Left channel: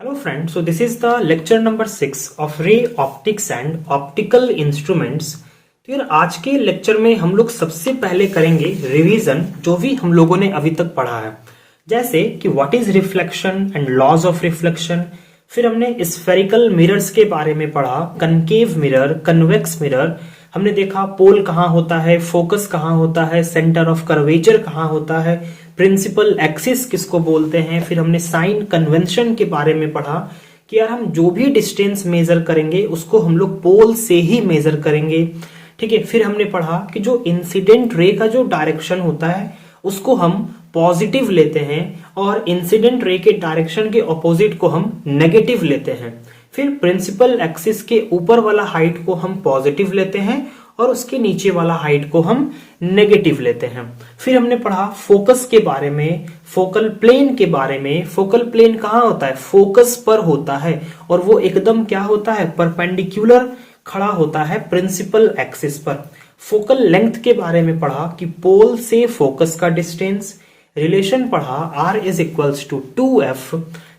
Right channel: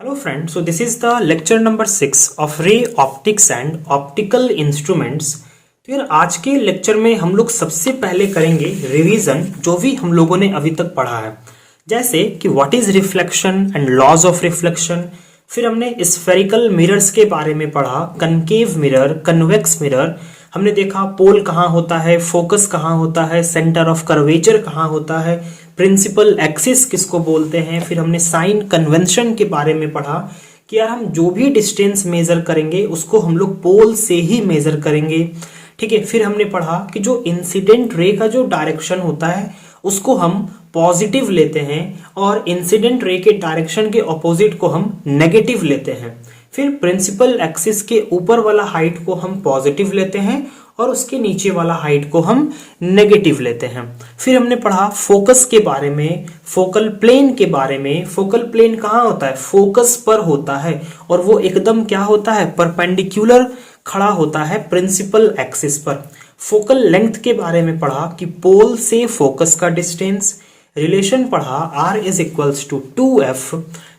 Hello friends, so this is the lecture number 6 of ray optics and optical instruments। तो यार आज के lecture में हम लोग सबसे पहले करेंगे रिवीजन जो भी हम लोगों ने अभी तक पढ़ा है, जैसे कि what is reflection and laws of reflection. फिर हमने स्फेरिकल मिरर्स के बारे में पढ़ा, कनकेव मिरर, कन्वेक्स मिरर। हमने देखा पोल कहाँ होता है, फोकस कहाँ होता है, सेंटर ऑफ कर्वेचर कहाँ होता है, प्रिंसिपल एक्सिस किसको बोलते हैं। फिर हमने साइन कन्वेंशन के बारे में पढ़ा कि यार हम जो भी डिस्टेंस मेजर करेंगे उसको हम लोग पोल से ही मेजर करेंगे, ठीक है। फिर हमने पढ़ा कि जो इंसिडेंट रे का जो डायरेक्शन होता है उसको हम पॉजिटिव लेते हैं और इंसिडेंट रे के डायरेक्शन के ऑपोजिट को हम नेगेटिव लेते हैं। फिर प्रिंसिपल एक्सिस के ऊपर वाला हाइट को हम पॉजिटिव लेते हैं और उसके नीचे वाला हाइट को हम नेगेटिव लेते हैं। फिर हमने पढ़ा फोकस के बारे में, फोकल प्लेन के बारे में। फोकल प्लेन कहाँ होता है, फोकस पर होता है और वो एकदम क्या होता है, परपेंडिकुलर खड़ा होता है प्रिंसिपल एक्सिस पर। फोकल लेंथ के बारे में पढ़ा कि पोल से फोकस का डिस्टेंस। रिलेशन पढ़ा R is equals to 2F।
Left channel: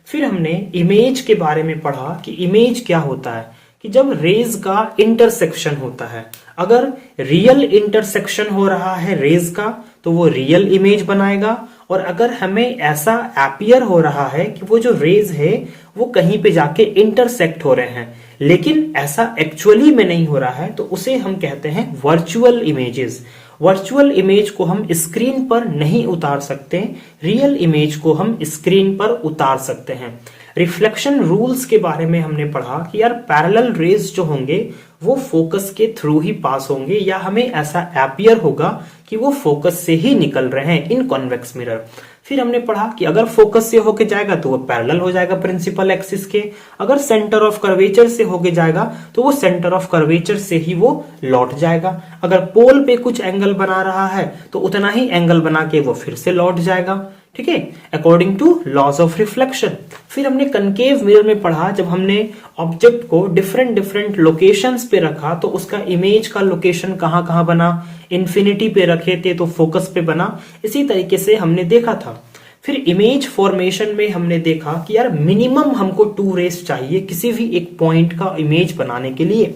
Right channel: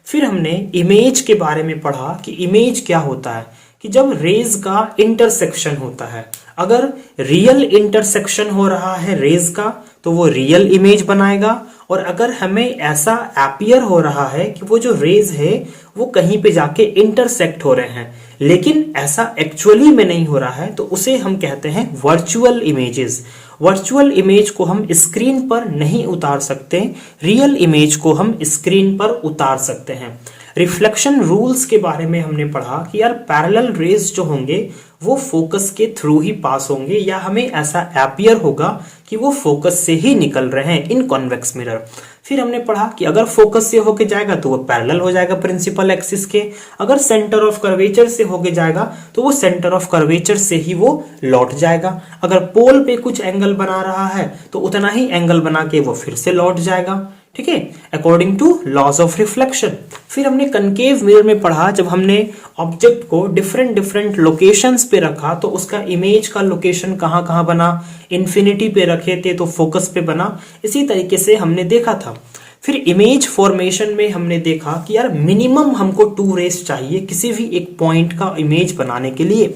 फिर हमने इमेज के बारे में पढ़ा कि इमेज क्या होता है, कि जब रेज का इंटरसेक्शन होता है, अगर रियल इंटरसेक्शन हो रहा है रेज का तो वो रियल इमेज बनाएगा, और अगर हमें ऐसा अपीयर हो रहा है कि वो जो रेज है वो कहीं पे जाके इंटरसेक्ट हो रहे हैं लेकिन ऐसा एक्चुअली में नहीं हो रहा है, तो उसे हम कहते हैं वर्चुअल इमेजेस। वर्चुअल इमेज को हम स्क्रीन पर नहीं उतार सकते, रियल इमेज को हम स्क्रीन पर उतार सकते हैं। रिफ्लेक्शन रूल्स के बारे में हमने पढ़ा कि यार पैरेलल रेज जो होंगे वो फोकस के थ्रू ही पास होंगे या हमें ऐसा अपीयर होगा कि वो फोकस से ही निकल रहे हैं इन कॉन्वेक्स मिरर। फिर हमने पढ़ा कि अगर फोकस से होके जाएगा तो वो पैरेलल हो जाएगा प्रिंसिपल एक्सिस के, अगर सेंटर ऑफ कर्वेचर से होके जाएगा तो वो सेंटर ऑफ कर्वेचर से ही वो लौट जाएगा। अगर पोल पे कुछ एंगल बना रहा है तो उतना ही एंगल बना के वो फिर से लौट जाएगा, ठीक है, according to laws of reflection. फिर हमने कनकेव मिरर में पढ़ा, जब हमने ऑब्जेक्ट को डिफरेंट डिफरेंट लोकेशंस पे रखा तो उसका इमेज का लोकेशन कहाँ कहाँ बना, इन्फिनिटी पे रखे थे तो फोकस पे बना, इसी तरीके से हमने देखा था। फिर इमेज फॉर्मेशन में हमने देखा कि यार मिनिमम हमको 2 रेस चाहिए किसी भी एक पॉइंट का इमेज बनाने के लिए।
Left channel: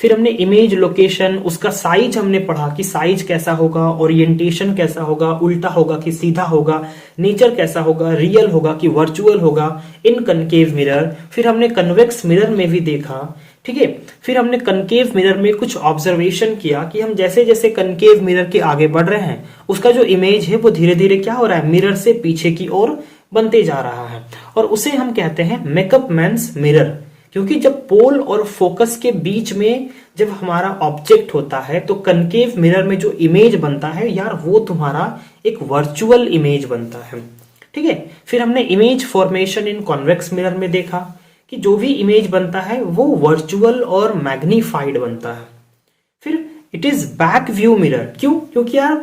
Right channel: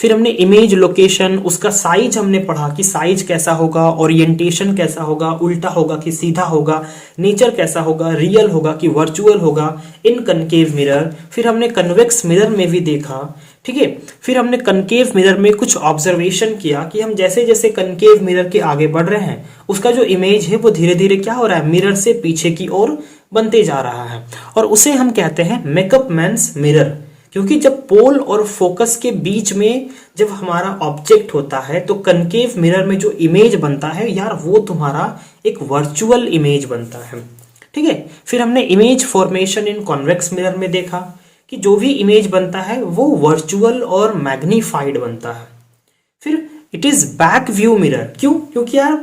फिर हमने इमेज लोकेशन, उसका साइज हमने पढ़ा कि साइज कैसा होगा, ओरिएंटेशन कैसा होगा, उल्टा होगा कि सीधा होगा, नेचर कैसा होगा, रियल होगा कि वर्चुअल होगा इन कनकेव मिरर। फिर हमने कन्वेक्स मिरर में भी देखा, ठीक है। फिर हमने कनकेव मिरर में कुछ ऑब्जर्वेशन किया कि हम जैसे जैसे कनकेव मिरर के आगे बढ़ रहे हैं उसका जो इमेज है वो धीरे धीरे क्या हो रहा है, मिरर से पीछे की ओर बनते जा रहा है, और उसे हम कहते हैं मेकअप मैन्स मिरर। क्योंकि जब पोल और फोकस के बीच में जब हमारा ऑब्जेक्ट होता है तो कनकेव मिरर में जो इमेज बनता है यार वो तुम्हारा एक वर्चुअल इमेज बनता है, ठीक है। फिर हमने इमेज फॉर्मेशन इन कॉन्वेक्स मिरर में देखा कि जो भी इमेज बनता है वो वर्चुअल और मैग्नीफाइड बनता है। फिर it is back view mirror, क्यों, क्योंकि यार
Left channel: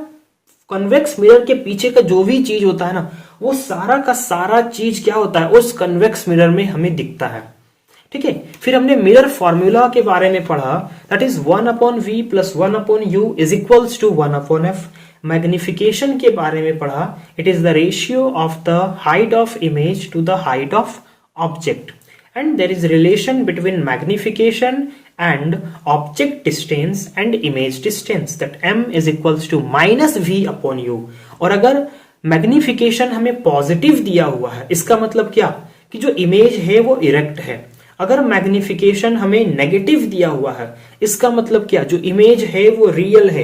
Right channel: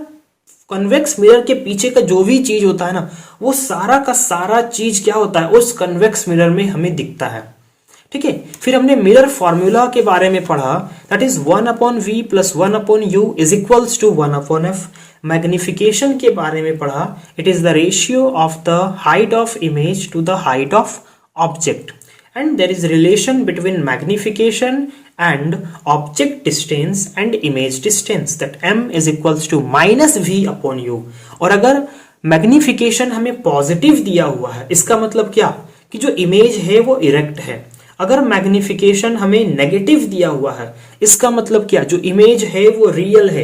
कन्वेक्स मिरर के पीछे का जो भी चीज होता है ना वो सारा का सारा चीज क्या होता है उस कन्वेक्स मिरर में हमें दिखता है, ठीक है। फिर हमने मिरर फॉर्मूला के बारे में पढ़ा, that is 1/v + 1/u is equals to 1/f। Magnification के बारे में पढ़ा, it is the ratio of the height of image to the height of object, and there is relation between magnification and object distance and image distance, that m is equals to -v/u। और अगर magnification हमें positive दिया हुआ है इसका मतलब क्या, कि जो इमेज है वो इरेक्ट है। अगर मैग्निफिकेशन हमें नेगेटिव दिया हुआ है इसका मतलब क्या, जो इमेज है वो रियल है,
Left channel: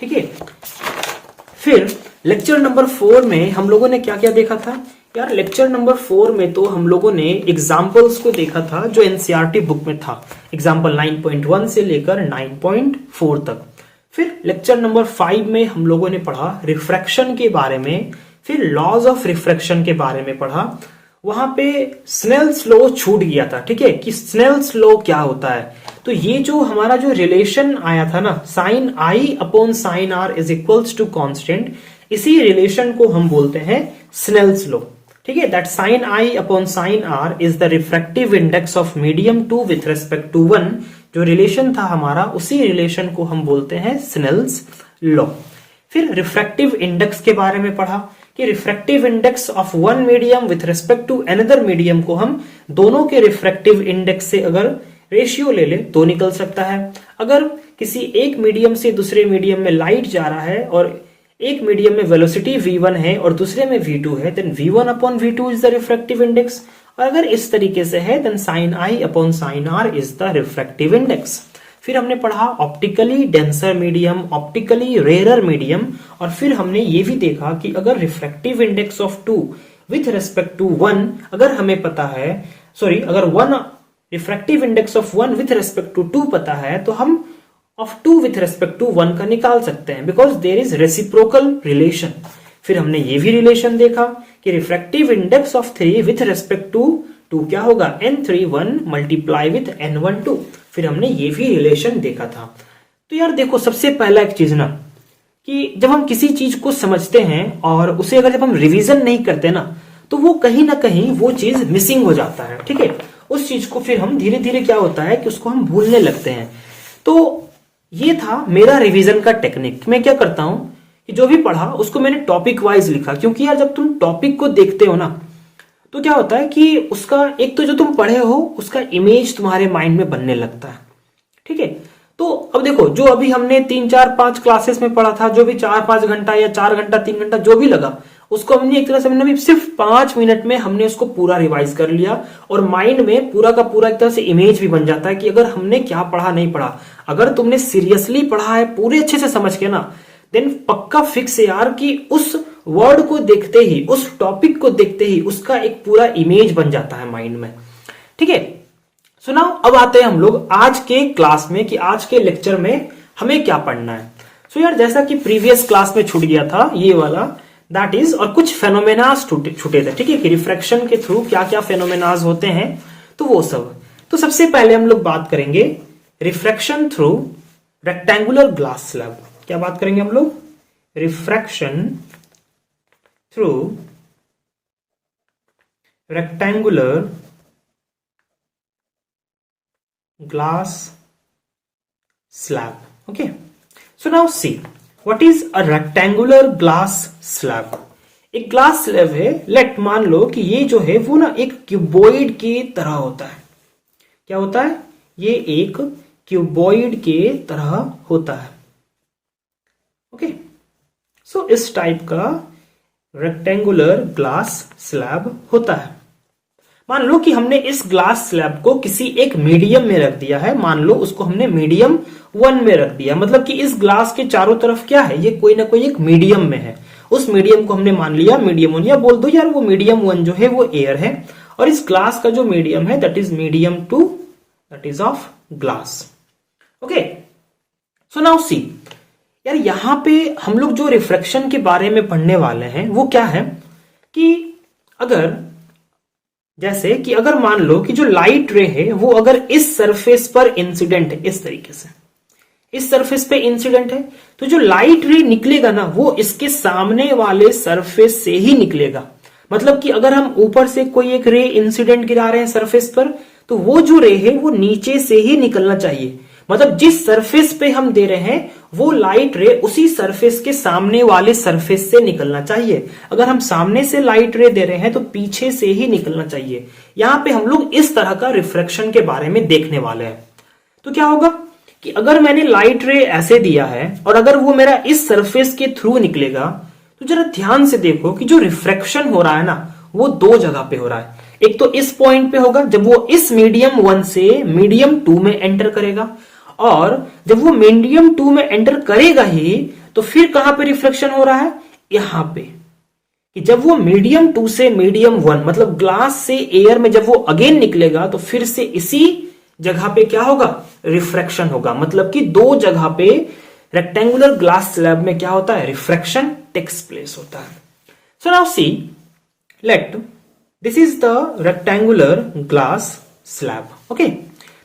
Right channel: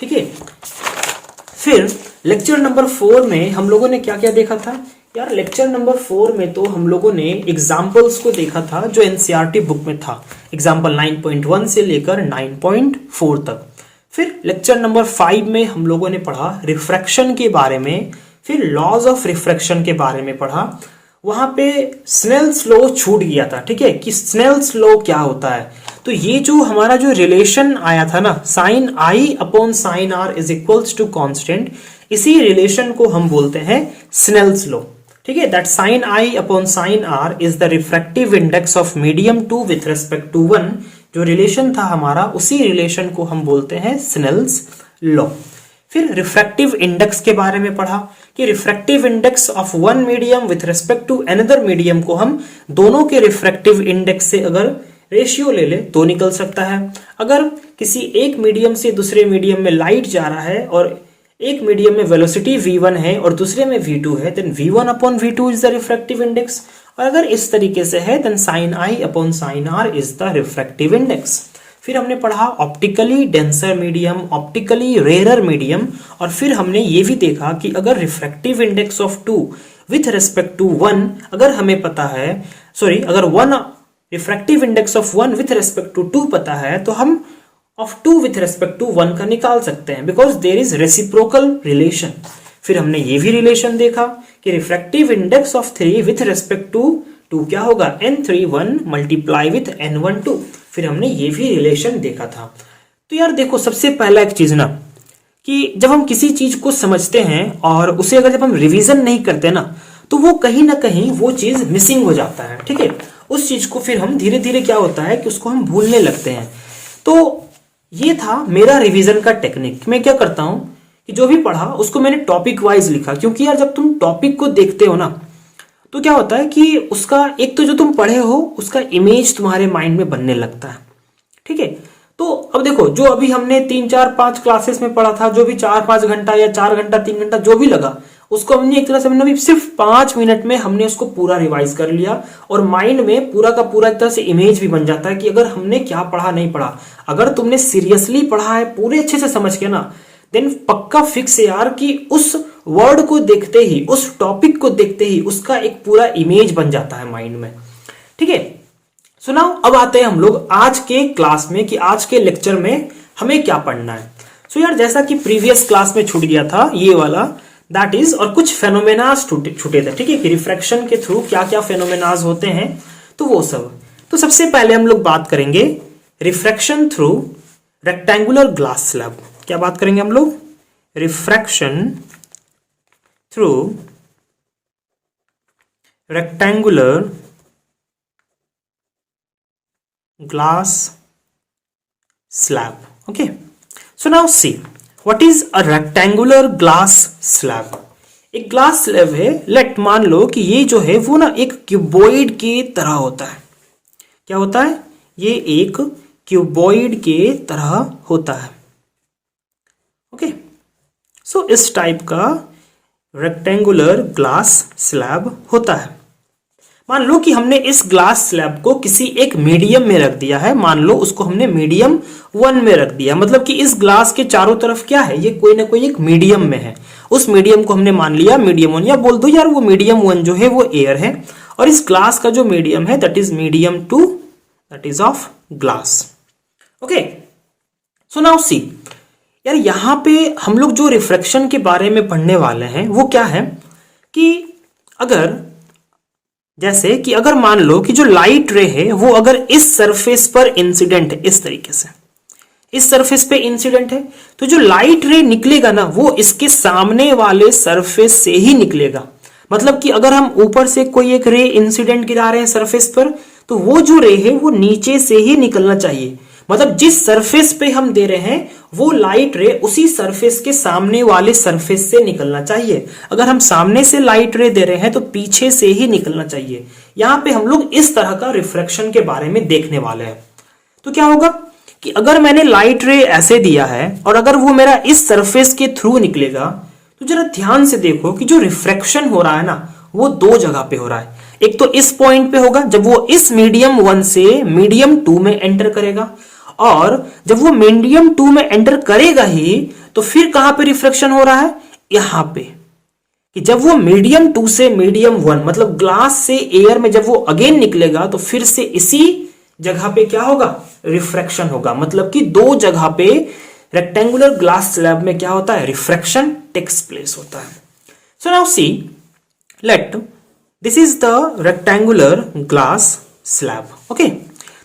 ठीक है। फिर लेक्चर नंबर 4 में हम लोगों ने क्या क्या देखा था यार, लेक्चर नंबर 4 में तो हम लोगों ने एग्जाम्पल्स को देखा था जो एनसीईआरटी बुक में था, एग्जाम्पल 9.1 से लेकर 9.4 तक। फिर लेक्चर नंबर 5 में हम लोगों ने पढ़ा रिफ्रैक्शन के बारे में, फिर लॉज ऑफ रिफ्रैक्शन के बारे में पढ़ा। वहां पे स्नेल्स लॉ छूट गया था, ठीक है, कि स्नेल्स लॉ क्या होता है। तो ये जो हमारा जो रिलेशन आया था ना, sin I/sin r is equals to constant, इसी रिलेशन को हम बोलते हैं स्नेल्स लॉ, ठीक है। That sin I/sin r is the refractive index of medium 2 with respect to 1। जो रिलेशन था हमारा उसी रिलेशन को हम बोलते हैं स्नेल्स लॉ। फिर रिफ्रैक्टिव इंडेक्स के बारे में पढ़ा कि refractive index of one medium with respect to another medium को हम दोनों के रिफ्रैक्टिव इंडेक्स से अगर रेशियो ले ले तो निकल सकता है। अगर किसी एक मीडियम से दूसरे मीडियम में लाइट जा रहा है और एक मीडियम में वेलोसिटी v1 है और दूसरे में v2 है, then v1 upon v2 is the refractive index. और अगर इस तरीके से है then sin i upon sin r is the refractive index. फिर हमने पढ़ा optically denser medium, optically rarer medium, और फिर हमने ये भी देखा कि अगर refractive index of 2 with respect to 1 अगर हमें पता है, अगर 1 refractive index of 1 with respect to 2 पता है तो हम ऑफ 2 विथ रिस्पेक्ट टू 1 का निकाल सकते हैं, because there is reciprocal relation. फिर हमने ये भी रिलेशन देखा कि refractive index of 3 with respect to 2 क्या होगा, n31 मल्टीप्लाई विथ n12। फिर हमने ये भी रिलेशन देखा था। तो यार देखो, सबसे पहला एक चीज ना कि जब हम किसी चीज को समझते हैं और उसे अगर जब हम रिवीजन नहीं करते ना तो वो कहीं ना कहीं वो चीज मिसिंग हो जाता है। ठीक है, उस चीज को फिर हम धीरे धीरे क्या होता है कि उसको हम भूलने लगते हैं। तो ये था मेरा रिवीजन का टेक्निक। मैं क्या करता हूं कि जो भी पढ़ा उसको मैंने टॉपिक वाइज लिखा, क्योंकि यार जब तुम टॉपिक को देखते हो ना तो क्या होता है कि उसका एक तो जो तुम पढ़े हो उसका इमेज तुम्हारे माइंड में बनने लगता है। ठीक है, तो अब देखो, जो अभी हमने 3-4-5 क्लासेस में पढ़ा था, जो भी 4-5 घंटा या 4 घंटा 3 घंटा जो भी लगा, उसको हमने एक तरह से हमने सिर्फ 5 मिनट में हमने उसको पूरा रिवाइज कर लिया और माइंड में पूरा का पूरा एक तरह से इमेज भी बन जाता है कि अगर हमने क्या पढ़ा नहीं पढ़ा। अगर तुमने सीरियसली पढ़ा है पूरे अच्छे से समझ के ना, देन पक्का फिक्स है यार कि उस वर्ड को देखते ही, उस टॉपिक को देखते ही उसका एक पूरा इमेज बन जाता है माइंड में। ठीक है, सुनाओ अब आते हैं हम लोग आज के क्लास में कि आज के लेक्चर में हमें क्या पढ़ना है। सो यार जैसा कि प्रीवियस क्लास में छूट गया था ये वाला, दैट इज, और कुछ फेनोमेनाज छूटे थे। ठीक है, कि रिफ्रैक्शन के थ्रू क्या क्या फेनोमेनाज होते हैं, तो वो सब। तो सबसे पहले हम लोग बात करेंगे refraction through rectangular glass slab. क्या बात करेंगे हम लोग, refraction through rectangular glass slab. Okay, so now see what is a rectangular glass slab. एक ग्लास स्लैब है, लेट मान लो कि ये जो है वो ना एक क्यूबॉइड के तरह होता है। क्या होता है, ये एक क्यूबॉइड के तरह होता है। ओके, सो इस टाइप का रेक्टेंगुलर ग्लास स्लैब होता है। मान लो कि हमने इस ग्लास स्लैब को किसी एक मीडियम में रख दिया है, मान लो उसको हमने मीडियम 1 में रख दिया, मतलब कि इस ग्लास के चारों तरफ क्या है, ये कोई ना कोई एक मीडियम में है। उस मीडियम को हमने मान लिया मीडियम 1, या बोल दो यार वो मीडियम 1 जो है वो एयर है, और इस ग्लास का जो मीडियम है that is medium 2, that is of glass. Okay, so now सी यार, यहां पे हम लोग जो रिफ्रैक्शन के बारे में पढ़ने वाले हैं वो क्या है कि अगर जैसे कि अगर मान लो कि जो लाइट रे है वो अगर इस सरफेस पर इंसिडेंट है, इस तरीके से इस सरफेस पे इंसिडेंट है, तो जो लाइट रे निकलेगा ना वो इसके सामने वाले सरफेस से ही निकलेगा। मतलब कि अगर हम ऊपर से कोई एक रे इंसिडेंट गिरा रहे हैं सरफेस पर, तो वो जो रे है वो नीचे से ही निकलना चाहिए। मतलब जिस सरफेस पे हम दे रहे हैं वो लाइट रे उसी सरफेस के सामने वाले सरफेस से निकलना चाहिए। अगर हम सामने से लाइट रे दे रहे हैं तो पीछे से ही निकलना चाहिए। यहां पे हम लोग इस तरह का रिफ्रैक्शन के बारे में देखने वाले हैं। तो क्या होगा कि अगर मैंने लाइट रे ऐसे दिया है और अगर वो मेरा इस सरफेस के थ्रू निकलेगा, तो जरा ध्यान से देखो कि जो रिफ्रैक्शन हो रहा है ना वो 2 जगह पे हो रहा है। एक तो इस पॉइंट पे होगा जब वो इस मीडियम 1 से मीडियम 2 में एंटर करेगा, और जब वो मीडियम 2 में एंटर करेगा ही तो फिर कहां पे रिफ्लेक्शन हो रहा है, यहां पे, कि जब वो मीडियम 2 से मीडियम 1 मतलब ग्लास से एयर में जब वो अगेन निकलेगा तो फिर से इसी जगह पे क्या होगा, रिफ्रैक्शन होगा। मतलब कि 2 जगह पे रेक्टेंगुलर ग्लास स्लैब में क्या होता है, रिफ्रैक्शन टेक्स प्लेस होता है। सो now C, let this is the rectangular glass slab. Okay,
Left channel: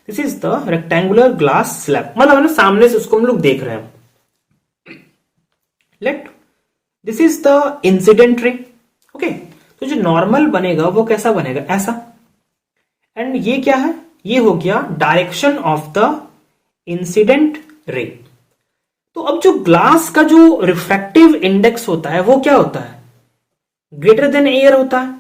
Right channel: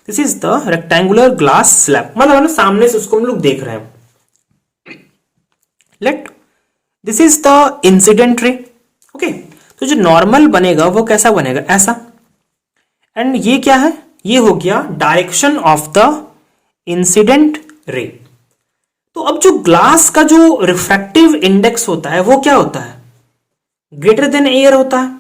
this is the rectangular glass slab, मतलब सामने से उसको हम लोग देख रहे हैं। Let this is the incident ray. Okay, तो जो नॉर्मल बनेगा वो कैसा बनेगा, ऐसा। एंड ये क्या है, ये हो गया direction of the incident ray. तो अब जो ग्लास का जो रिफ्रैक्टिव इंडेक्स होता है वो क्या होता है, ग्रेटर देन एयर होता है।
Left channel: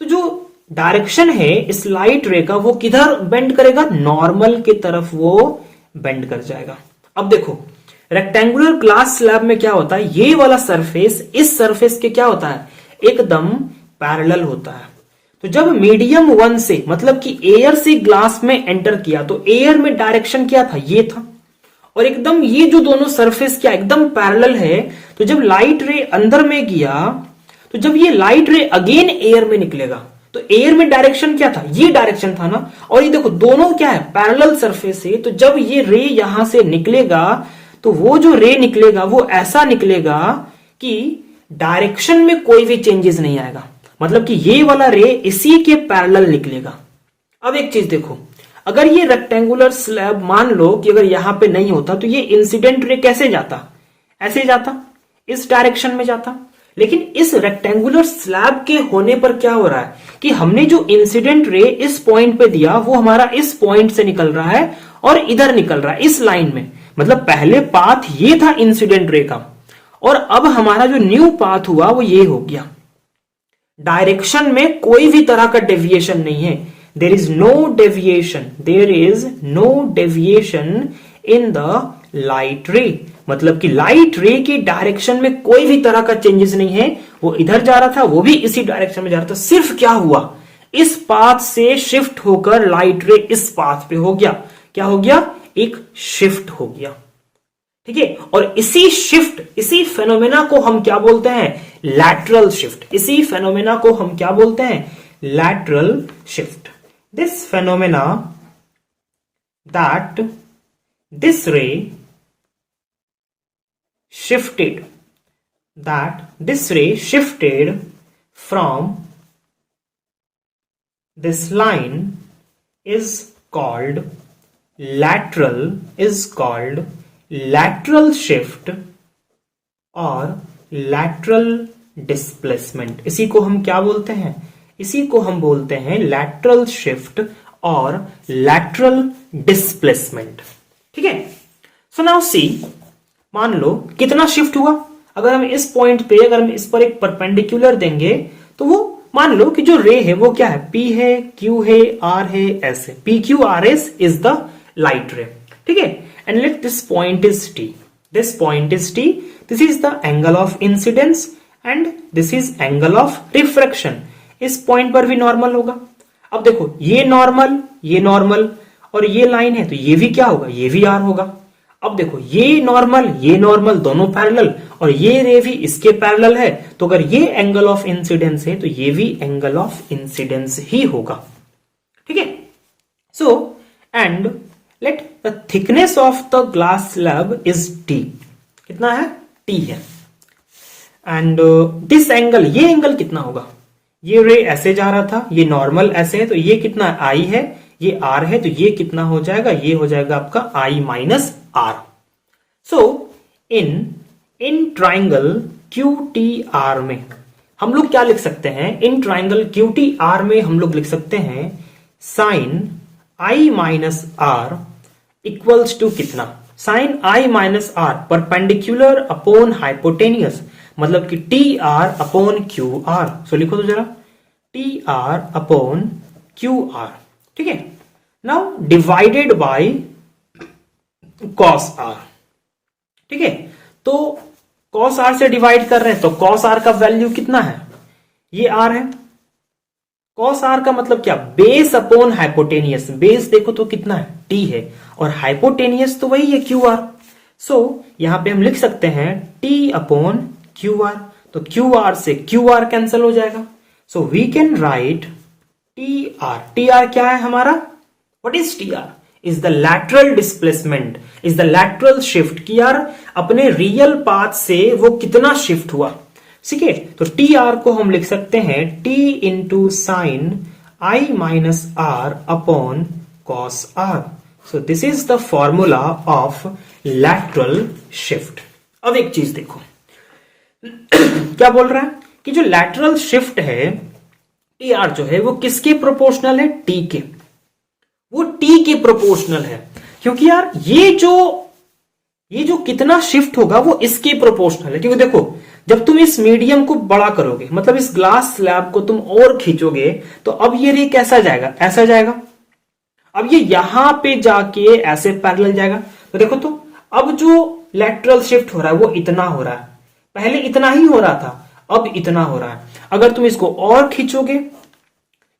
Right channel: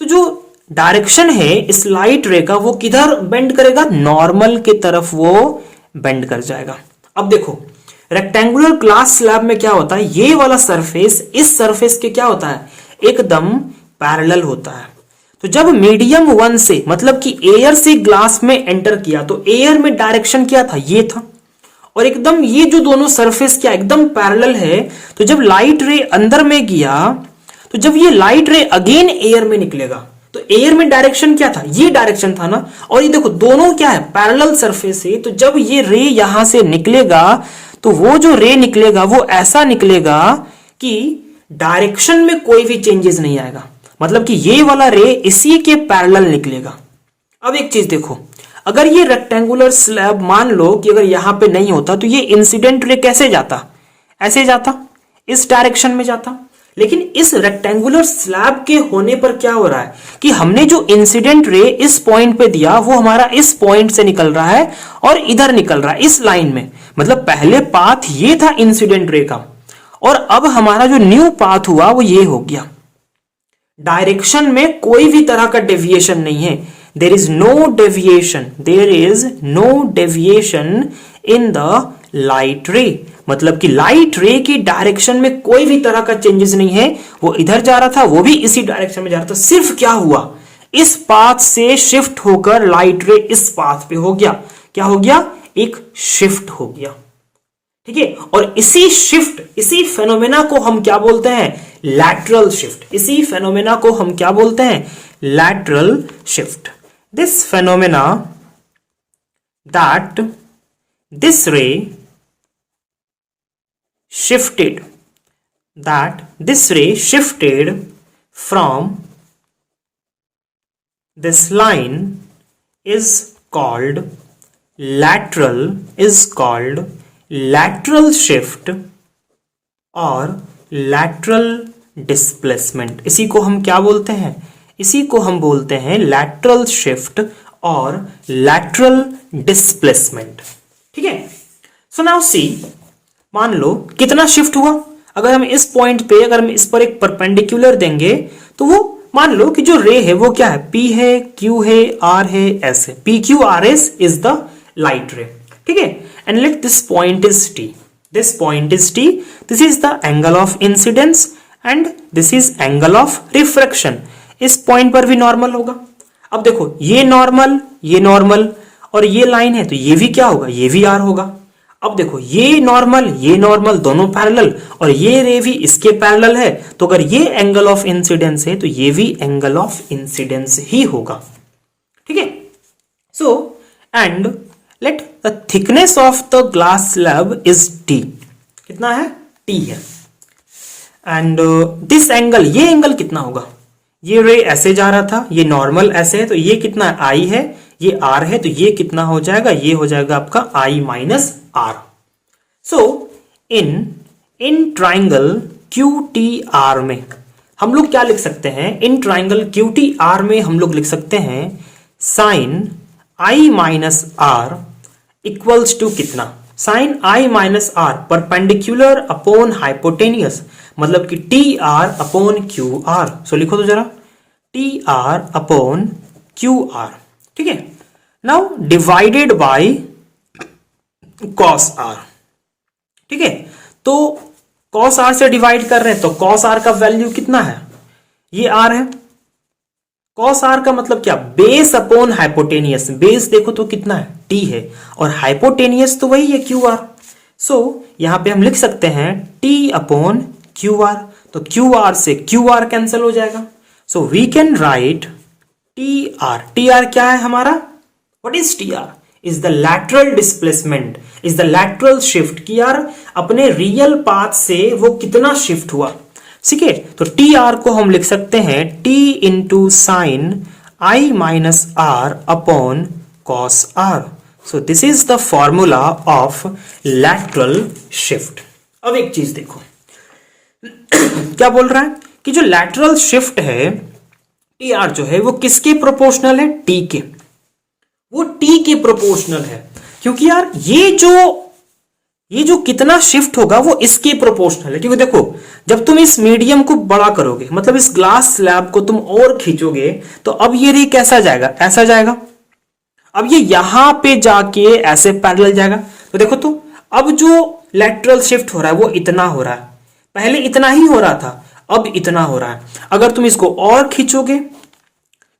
तो जो डायरेक्शन है इस लाइट रे का वो किधर बेंड करेगा, नॉर्मल की तरफ वो बेंड कर जाएगा। अब देखो रेक्टेंगुलर ग्लास स्लैब में क्या होता है, ये वाला सरफेस इस सरफेस के क्या होता है, एकदम पैरेलल होता है। तो जब मीडियम वन से मतलब कि एयर से ग्लास में एंटर किया तो एयर में डायरेक्शन क्या था, ये था, और एकदम ये जो दोनों सरफेस क्या एकदम पैरेलल है। तो जब लाइट रे अंदर में गया तो जब ये लाइट रे अगेन एयर में निकलेगा तो एयर में डायरेक्शन क्या था, ये डायरेक्शन था ना, और ये देखो दोनों क्या है, पैरेलल सरफेस है। तो जब ये रे यहां से निकलेगा तो वो जो रे निकलेगा वो ऐसा निकलेगा कि डायरेक्शन में कोई भी चेंजेस नहीं आएगा, मतलब कि ये वाला रे इसी के पैरेलल निकलेगा। अब एक चीज देखो, अगर ये रेक्टेंगुलर स्लैब मान लो कि अगर यहां पे नहीं होता तो ये इंसिडेंट रे कैसे जाता, ऐसे जाता, इस डायरेक्शन में जाता। लेकिन इस रेक्टेंगुलर स्लैब के होने पर क्या हो रहा है कि हमने जो इंसिडेंट रे इस पॉइंट पे दिया वो हमारा इस पॉइंट से निकल रहा है और इधर निकल रहा है इस लाइन में। मतलब पहले पाथ ये था इंसिडेंट रे का, और अब हमारा जो न्यू पाथ हुआ वो ये हो गया। डायरेक्शन में कोई भी तरह का डेविएशन नहीं है, there is no deviation, there is no deviation in the light ray. मतलब कि लाइट रे की डायरेक्शन में कोई भी तरह का चेंजेस नहीं है, वो इधर जा रहा था वो भी इसी डायरेक्शन में जा रहा था। सिर्फ क्या हुआ, इस पाथ से शिफ्ट होकर लाइट रे इस पाथ पे हो गया। क्या हो गया, एक शिफ्ट हो गया, ठीक है। और इसी शिफ्ट, इसी फेनोमेना को हम क्या बोलते हैं, लैटरल शिफ्ट। इसी फेनोमेना को हम क्या बोलते हैं, lateral shift. This phenomena that this रे shifted, that this ray shifted from this line is called lateral shift और lateral displacement। इसी को हम क्या बोलते हैं, इसी को हम बोलते हैं lateral shift और lateral displacement, ठीक है। सो नाउ सी, मान लो कितना शिफ्ट हुआ, अगर हम इस पॉइंट पे अगर हम इस पर एक परपेंडिकुलर देंगे तो वो मान लो कि जो रे है वो क्या है, P है, Q है, R है, S है। PQRS इज द लाइट रे, ठीक है। And let this point is T, this point is T, this is the angle of incidence and this is angle of refraction. इस पॉइंट पर भी नॉर्मल होगा। अब देखो ये नॉर्मल और ये लाइन है तो ये भी क्या होगा, ये भी R होगा। अब देखो ये नॉर्मल दोनों पैरेलल और ये रे भी इसके पैरेलल है, तो अगर ये एंगल ऑफ इंसिडेंस है तो ये भी एंगल ऑफ इंसिडेंस ही होगा, ठीक है। So and let the thickness of the glass slab is T, कितना है, T है। एंड दिस एंगल, ये एंगल कितना होगा, ये रे ऐसे जा रहा था, ये नॉर्मल ऐसे है, तो ये कितना I है, ये R है, तो ये कितना हो जाएगा, ये हो जाएगा आपका I minus R। So in triangle QTR में हम लोग क्या लिख सकते हैं, इन ट्राइंगल QTR में हम लोग लिख सकते हैं sine I minus R equals to कितना, sine I minus R perpendicular upon hypotenuse, मतलब कि TR अपॉन QR। सो लिखो तो जरा, TR अपॉन QR, ठीक है। Now divided by cos R, ठीक है। तो cos R से डिवाइड कर रहे हैं तो cos R का वैल्यू कितना है, ये R है। cos R का मतलब क्या, बेस अपॉन हाइपोटेनियस, बेस देखो तो कितना है, T है, और हाइपोटेनियस तो वही है QR। सो यहां पे हम लिख सकते हैं T अपॉन QR, तो QR से QR कैंसिल हो जाएगा। So we can write TR क्या है हमारा, what is TR, is the lateral displacement, is the lateral shift, कि यार अपने रियल पाथ से वो कितना शिफ्ट हुआ, ठीक है। तो TR को हम लिख सकते हैं T into sine I minus R upon cos R। So this is the formula of lateral shift. अब एक चीज देखो क्या बोल रहा है कि जो लैटरल शिफ्ट है TR जो है वो किसके प्रोपोर्शनल है, T के, वो T के प्रोपोर्शनल है। क्योंकि यार ये जो ये जो कितना शिफ्ट होगा वो इसके प्रोपोर्शनल है, क्योंकि देखो जब तुम इस मीडियम को बड़ा करोगे, मतलब इस ग्लास स्लैब को तुम और खींचोगे, तो अब ये रे कैसा जाएगा, ऐसा जाएगा। अब ये यहां पे जाके ऐसे पैरेलल जाएगा। तो देखो तो अब जो लैटरल शिफ्ट हो रहा है वो इतना हो रहा है, पहले इतना ही हो रहा था, अब इतना हो रहा है। अगर तुम इसको और खींचोगे,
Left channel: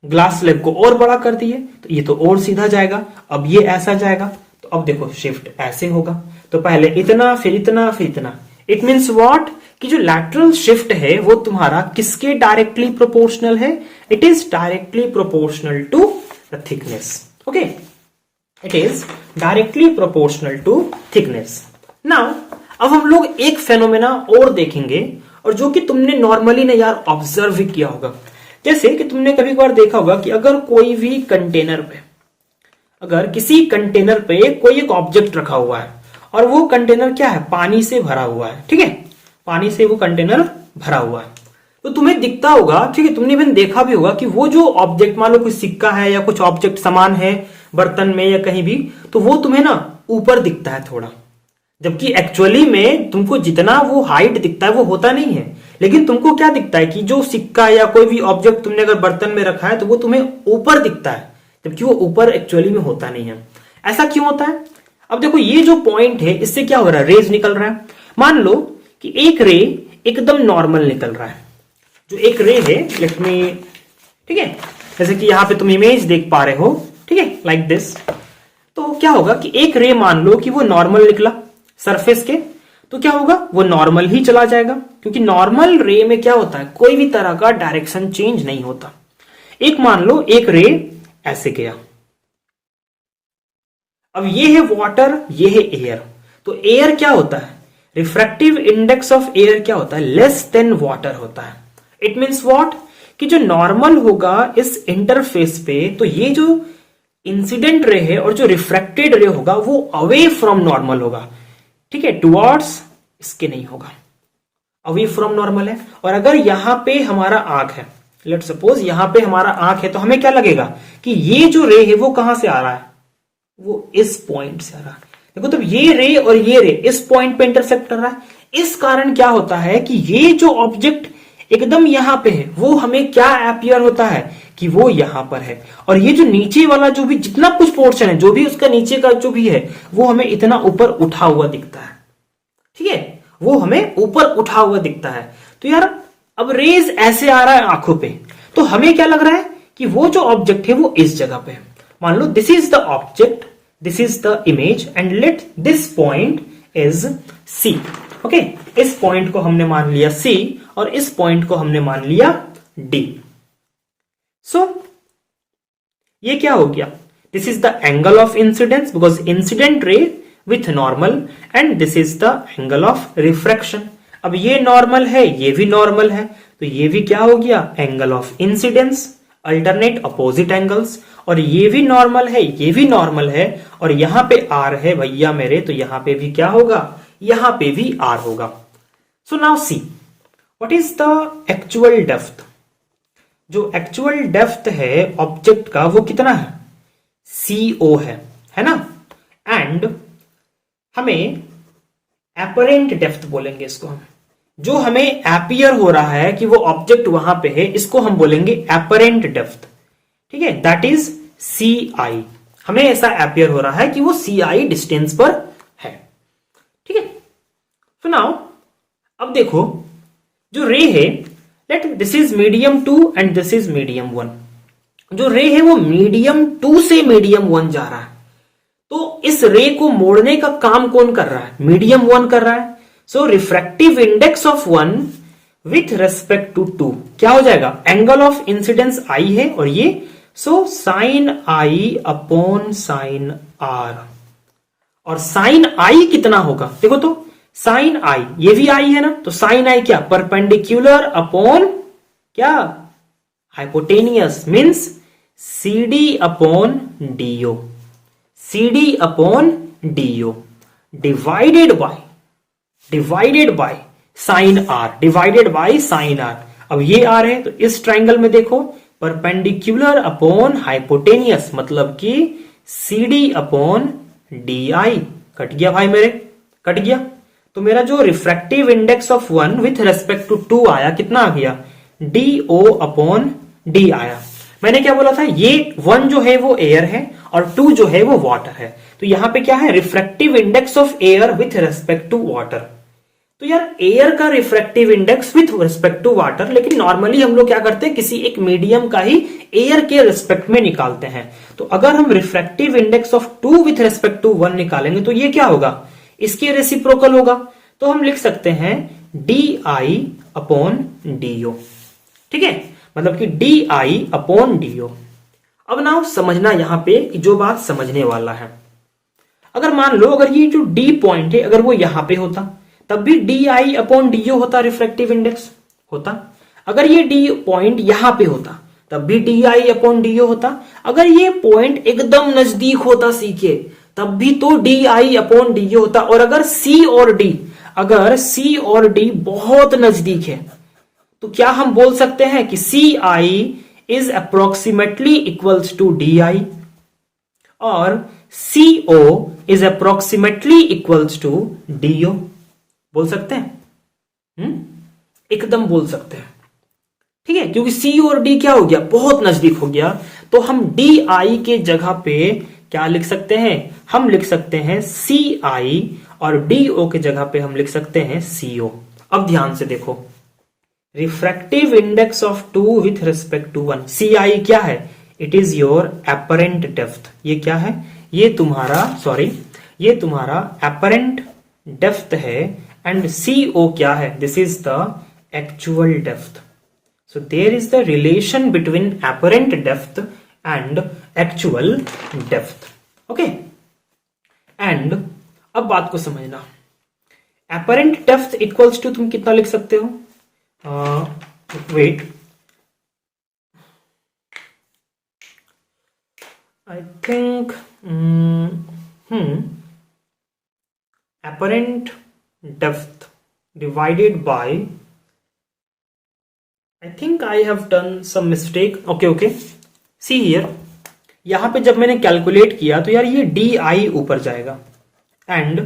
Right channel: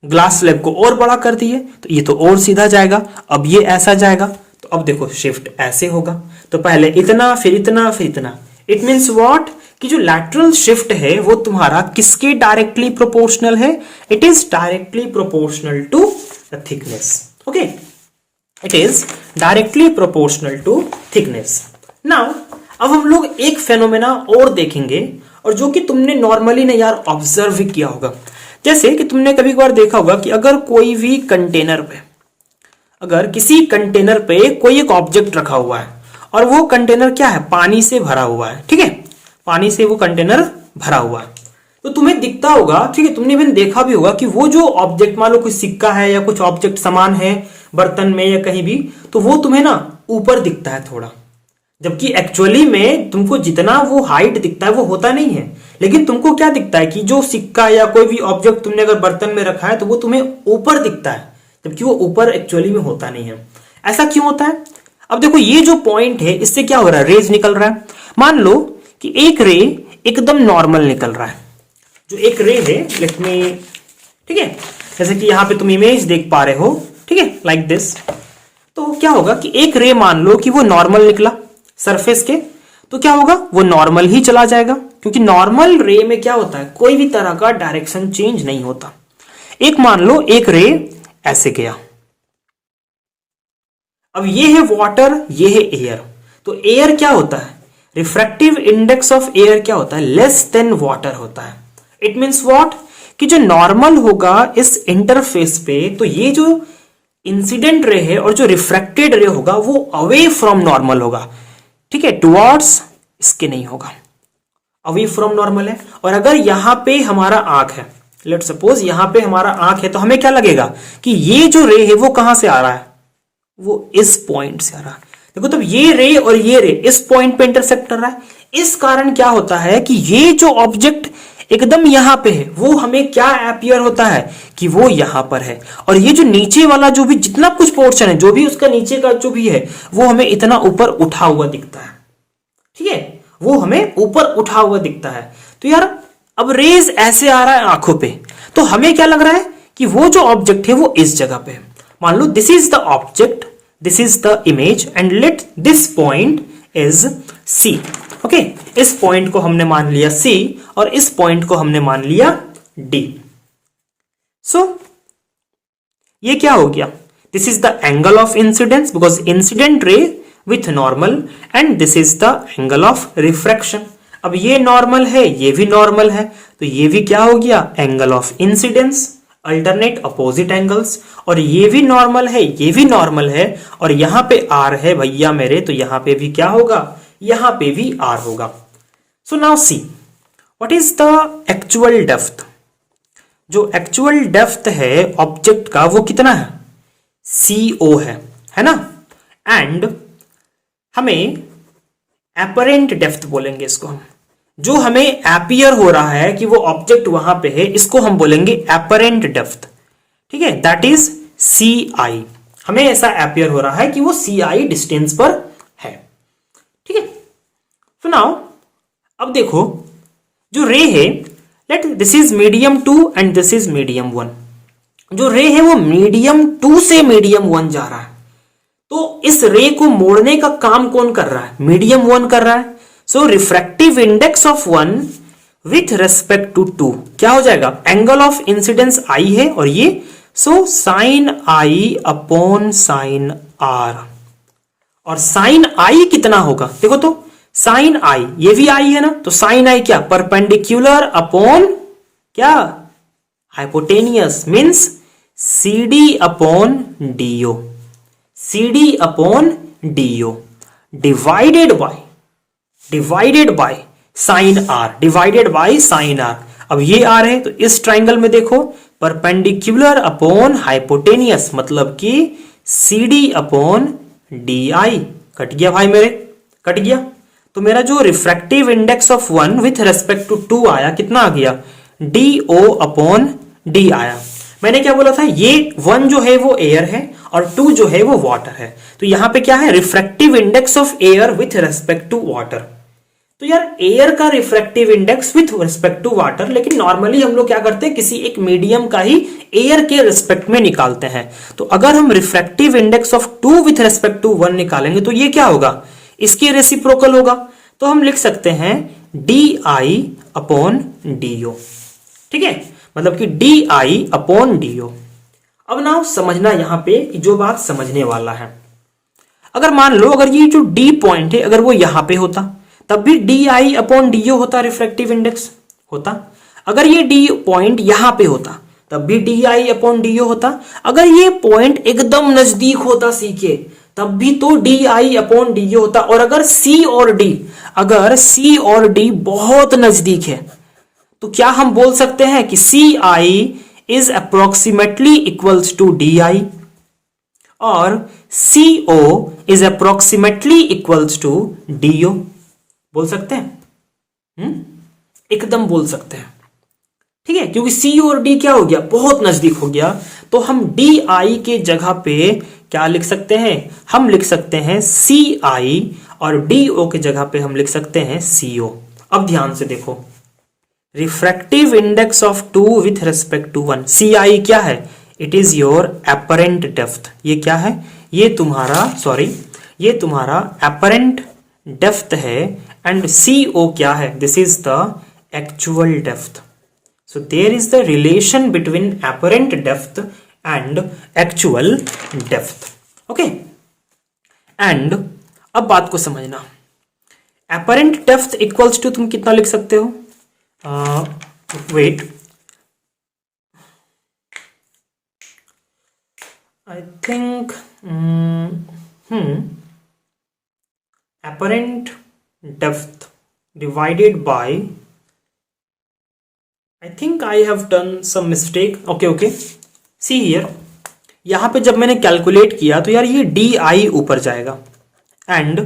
ग्लास स्लैब को और बड़ा कर दिए, तो ये तो और सीधा जाएगा, अब ये ऐसा जाएगा। तो अब देखो शिफ्ट ऐसे होगा, तो पहले इतना फिर इतना फिर इतना। इट मीन्स व्हाट, कि जो लैटरल शिफ्ट है वो तुम्हारा किसके डायरेक्टली प्रोपोर्शनल है, it is directly proportional to the thickness. Okay, it is directly proportional to thickness. Now अब हम लोग एक फेनोमेना और देखेंगे, और जो कि तुमने नॉर्मली ना यार ऑब्जर्व किया होगा। जैसे कि तुमने कभी कभार देखा होगा कि अगर कोई भी कंटेनर पे, अगर किसी कंटेनर पे कोई एक ऑब्जेक्ट रखा हुआ है और वो कंटेनर क्या है, पानी से भरा हुआ है, ठीक है, पानी से वो कंटेनर भरा हुआ है, तो तुम्हें दिखता होगा, ठीक है, तुमने भी देखा भी होगा कि वो जो ऑब्जेक्ट, मान लो कुछ सिक्का है या कुछ ऑब्जेक्ट सामान है बर्तन में या कहीं भी, तो वो तुम्हें ना ऊपर दिखता है थोड़ा, जबकि एक्चुअली में तुमको जितना वो हाइट दिखता है वो होता नहीं है। लेकिन तुमको क्या दिखता है कि जो सिक्का या कोई भी ऑब्जेक्ट तुमने अगर बर्तन में रखा है तो वो तुम्हें ऊपर दिखता है, जबकि वो ऊपर एक्चुअली में होता नहीं है। ऐसा क्यों होता है? अब देखो ये जो पॉइंट है इससे क्या हो रहा है, रेज निकल रहा है। मान लो कि एक रे एकदम नॉर्मल निकल रहा है, जो एक रे है, लेट मी, ठीक है, जैसे कि यहां पे तुम इमेज देख पा रहे हो, ठीक है, लाइक दिस। तो क्या होगा कि एक रे मान लो कि वो नॉर्मल निकला सरफेस के, तो क्या होगा, वो नॉर्मल ही चला जाएगा, क्योंकि नॉर्मल रे में क्या होता है, कोई भी तरह का डायरेक्शन चेंज नहीं होता। एक मान लो एक रे ऐसे गया, अब ये है वाटर, ये है एयर, तो एयर क्या होता है, रिफ्रैक्टिव इंडेक्स ऑफ एयर क्या होता है, लेस देन वाटर होता है। इट मीन्स व्हाट, कि जो नॉर्मल होगा इस इंटरफेस पे, तो ये जो इंसिडेंट रे है और जो रिफ्रैक्टेड रे होगा वो अवे फ्रॉम नॉर्मल होगा, ठीक है, टुवर्ड्स इसके नहीं होगा, अवे फ्रॉम नॉर्मल है। और अगर यहां पे हमारा आंख है, लेट सपोज यहां पे हमारा आंख है, तो हमें क्या लगेगा कि ये जो रे है वो कहां से आ रहा है, वो इस पॉइंट से आ रहा है। देखो तब ये रे और ये रे इस पॉइंट पे इंटरसेक्ट कर रहा है। इस कारण क्या होता है कि ये जो ऑब्जेक्ट एकदम यहां पे है वो हमें क्या अपीयर होता है कि वो यहां पर है, और ये जो नीचे वाला जो भी जितना कुछ पोर्शन है, जो भी उसका नीचे का जो भी है, वो हमें इतना ऊपर उठा हुआ दिखता है, ठीक है, वो हमें ऊपर उठा हुआ दिखता है। तो यार अब रेज ऐसे आ रहा है आंखों पे, तो हमें क्या लग रहा है कि वो जो ऑब्जेक्ट है वो इस जगह पे है। मान लो this is the object, this is the image, and let this point is C. Okay, इस पॉइंट को हमने मान लिया C और इस पॉइंट को हमने मान लिया D। सो ये क्या हो गया, this is the angle of incidence because incident ray with normal, and this is the angle of refraction. अब ये नॉर्मल है, ये भी नॉर्मल है, तो ये भी क्या हो गया, angle of incidence, alternate opposite angles. और ये भी नॉर्मल है, ये भी नॉर्मल है, और यहां पे R है भैया मेरे, तो यहां पे भी क्या होगा, यहां पे भी R होगा। सो now see what is the actual depth. जो एक्चुअल डेप्थ है ऑब्जेक्ट का वो कितना है, CO है ना, एंड हमें एपरेंट डेप्थ बोलेंगे इसको हम, जो हमें एपियर हो रहा है कि वो ऑब्जेक्ट वहां पे है, इसको हम बोलेंगे एपरेंट डेप्थ, ठीक है, दैट इज CI। हमें ऐसा एपियर हो रहा है कि वो CI डिस्टेंस पर है, ठीक है। तो नाउ अब देखो जो रे है, let this is medium 2 and this is medium 1। जो रे है वो मीडियम 2 से मीडियम 1 जा रहा है, तो इस रे को मोड़ने का काम कौन कर रहा है, मीडियम 1 कर रहा है। So refractive index of 1 with respect to 2 क्या हो जाएगा, एंगल ऑफ इंसिडेंस I है और ये, so sine I upon sine R। और साइन I कितना होगा, देखो तो साइन I, ये भी I है ना, तो साइन I क्या, परपेंडिकुलर अपॉन क्या, hypotenuse, means CD upon DO, CD upon DO divided by sine R, divided by sine R। अब ये R है, तो इस ट्राइंगल में देखो परपेंडिकुलर अपॉन हाइपोटेनियस, मतलब कि CD अपॉन DI, कट गया भाई मेरे, कट गया। तो मेरा जो refractive index of 1 with respect to 2 आया, कितना आ गया, DO अपॉन डी आया। मैंने क्या बोला था, ये 1 जो है वो एयर है और 2 जो है वो वाटर है। तो यहां पे क्या है, refractive index of air with respect to water. तो यार एयर का refractive index with respect to water, लेकिन नॉर्मली हम लोग क्या करते हैं, किसी एक मीडियम का ही एयर के रिस्पेक्ट में निकालते हैं। तो अगर हम refractive index of 2 with respect to 1 निकालेंगे तो ये क्या होगा, इसकी रेसिप्रोकल होगा। तो हम लिख सकते हैं DI अपॉन DO, ठीक है, मतलब कि DI अपॉन DO। अब ना समझना यहां पे जो बात समझने वाला है, अगर मान लो अगर ये जो D पॉइंट है अगर वो यहां पे होता तब भी DI अपॉन DO होता, रिफ्रैक्टिव इंडेक्स होता। अगर ये D पॉइंट यहां पे होता तब भी DI अपॉन DO होता। अगर ये पॉइंट एकदम नजदीक होता C के तब भी तो DI अपॉन DO होता। और अगर C और D बहुत नजदीक है तो क्या हम बोल सकते हैं कि CI is approximately equals to DI और CO is approximately equals to DO। बोल सकते हैं, एकदम बोल सकते हैं, ठीक है, क्योंकि C और D क्या हो गया, बहुत नजदीक हो गया। तो हम DI के जगह पे क्या लिख सकते हैं, हम लिख सकते हैं CI और DO के जगह पे हम लिख सकते हैं CO। अब ध्यान से देखो, refractive index of 2 with respect to 1, CI क्या है, it is your apparent depth. ये क्या है, ये तुम्हारा एपरेंट डेप्थ है। एंड CO क्या है, this is the actual depth. So there is the relation between apparent depth and actual depth, okay. And अब बात को समझना, एपरेंट डेप्थ इक्वल्स टू तुम कितना लिख सकते हो, wait, I think apparent depth divided by, I think I have done some mistake, okay, see here, यहां पे जब मैंने कैलकुलेट किया तो यार ये DI ऊपर जाएगा एंड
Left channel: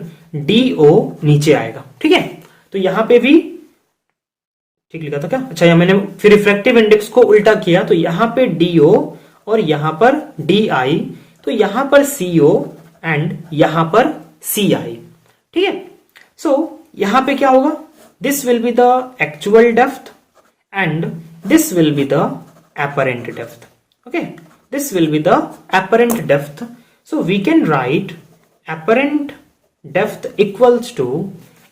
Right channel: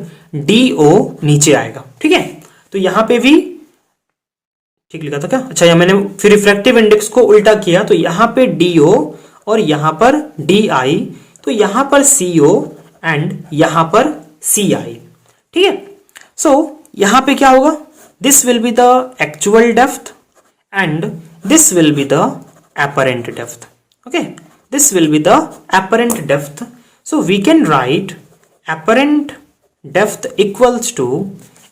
DO नीचे आएगा, ठीक है। तो यहां पे भी ठीक लिखा था क्या, अच्छा, या मैंने फिर रिफ्रैक्टिव इंडेक्स को उल्टा किया तो यहां पे DO और यहां पर DI, तो यहां पर CO एंड यहां पर CI, ठीक है। सो यहां पे क्या होगा, this will be the actual depth and this will be the apparent depth, okay, this will be the apparent depth. So we can write apparent depth equals to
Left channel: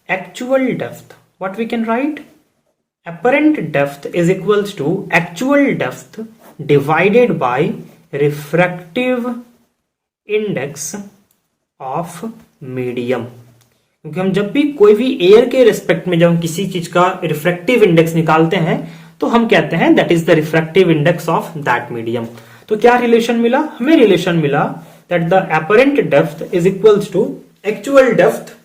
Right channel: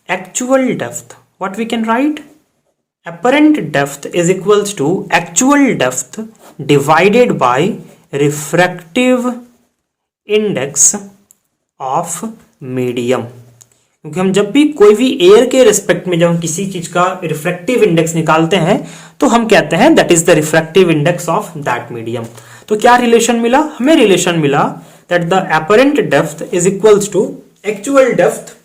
actual depth. What we can write, apparent depth is equals to actual depth divided by refractive index of medium। क्योंकि हम जब भी कोई भी air के respect में जब हम किसी चीज का रिफ्रैक्टिव इंडेक्स निकालते हैं तो हम कहते हैं that is the refractive index of that medium. तो क्या रिलेशन मिला हमें, रिलेशन मिला that the apparent depth is equals to actual depth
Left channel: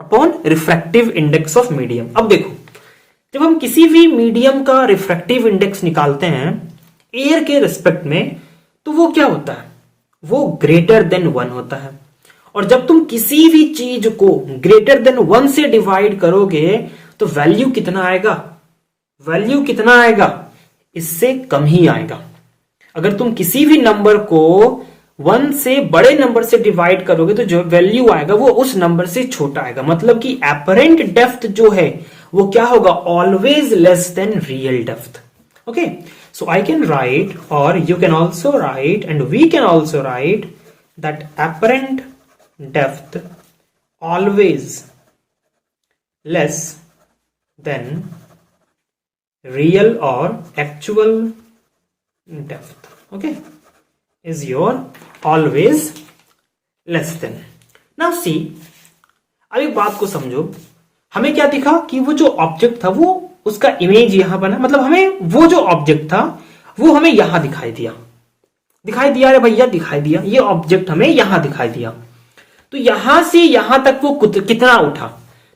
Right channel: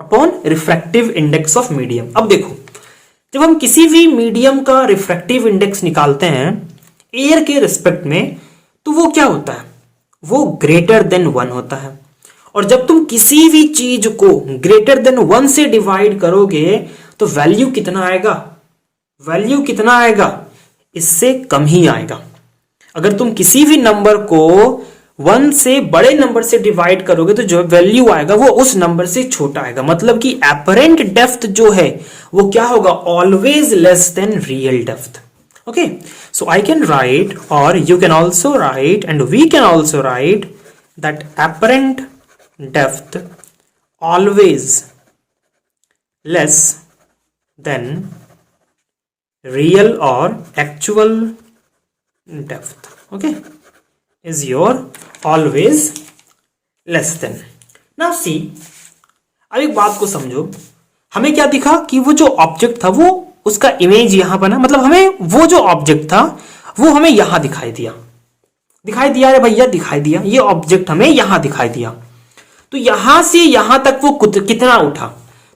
upon refractive index of medium. अब देखो, जब हम किसी भी मीडियम का रिफ्रैक्टिव इंडेक्स निकालते हैं एयर के रिस्पेक्ट में तो वो क्या होता है, वो ग्रेटर देन 1 होता है। और जब तुम किसी भी चीज को ग्रेटर देन 1 से डिवाइड करोगे तो वैल्यू कितना आएगा, वैल्यू कितना आएगा, इससे कम ही आएगा। अगर तुम किसी भी नंबर को 1 से बड़े नंबर से डिवाइड करोगे तो जो वैल्यू आएगा वो उस नंबर से छोटा आएगा। मतलब कि एपरेंट डेप्थ जो है वो क्या होगा, always less than real depth, okay. So I can write और you can also write and we can also write that apparent depth always less than real और actual depth, okay, is your always less than। now see, अब एक बात को समझो, हमें क्या दिखा कि वो जो ऑब्जेक्ट था वो उसका इमेज यहां बना, मतलब हमें वो जो ऑब्जेक्ट था वो हमें यहां दिखाई दिया रे भैया, दिखाई दिया, ये ऑब्जेक्ट हमें यहां दिखाई दिया। तो यहां से यहां तक वो कितना उठा,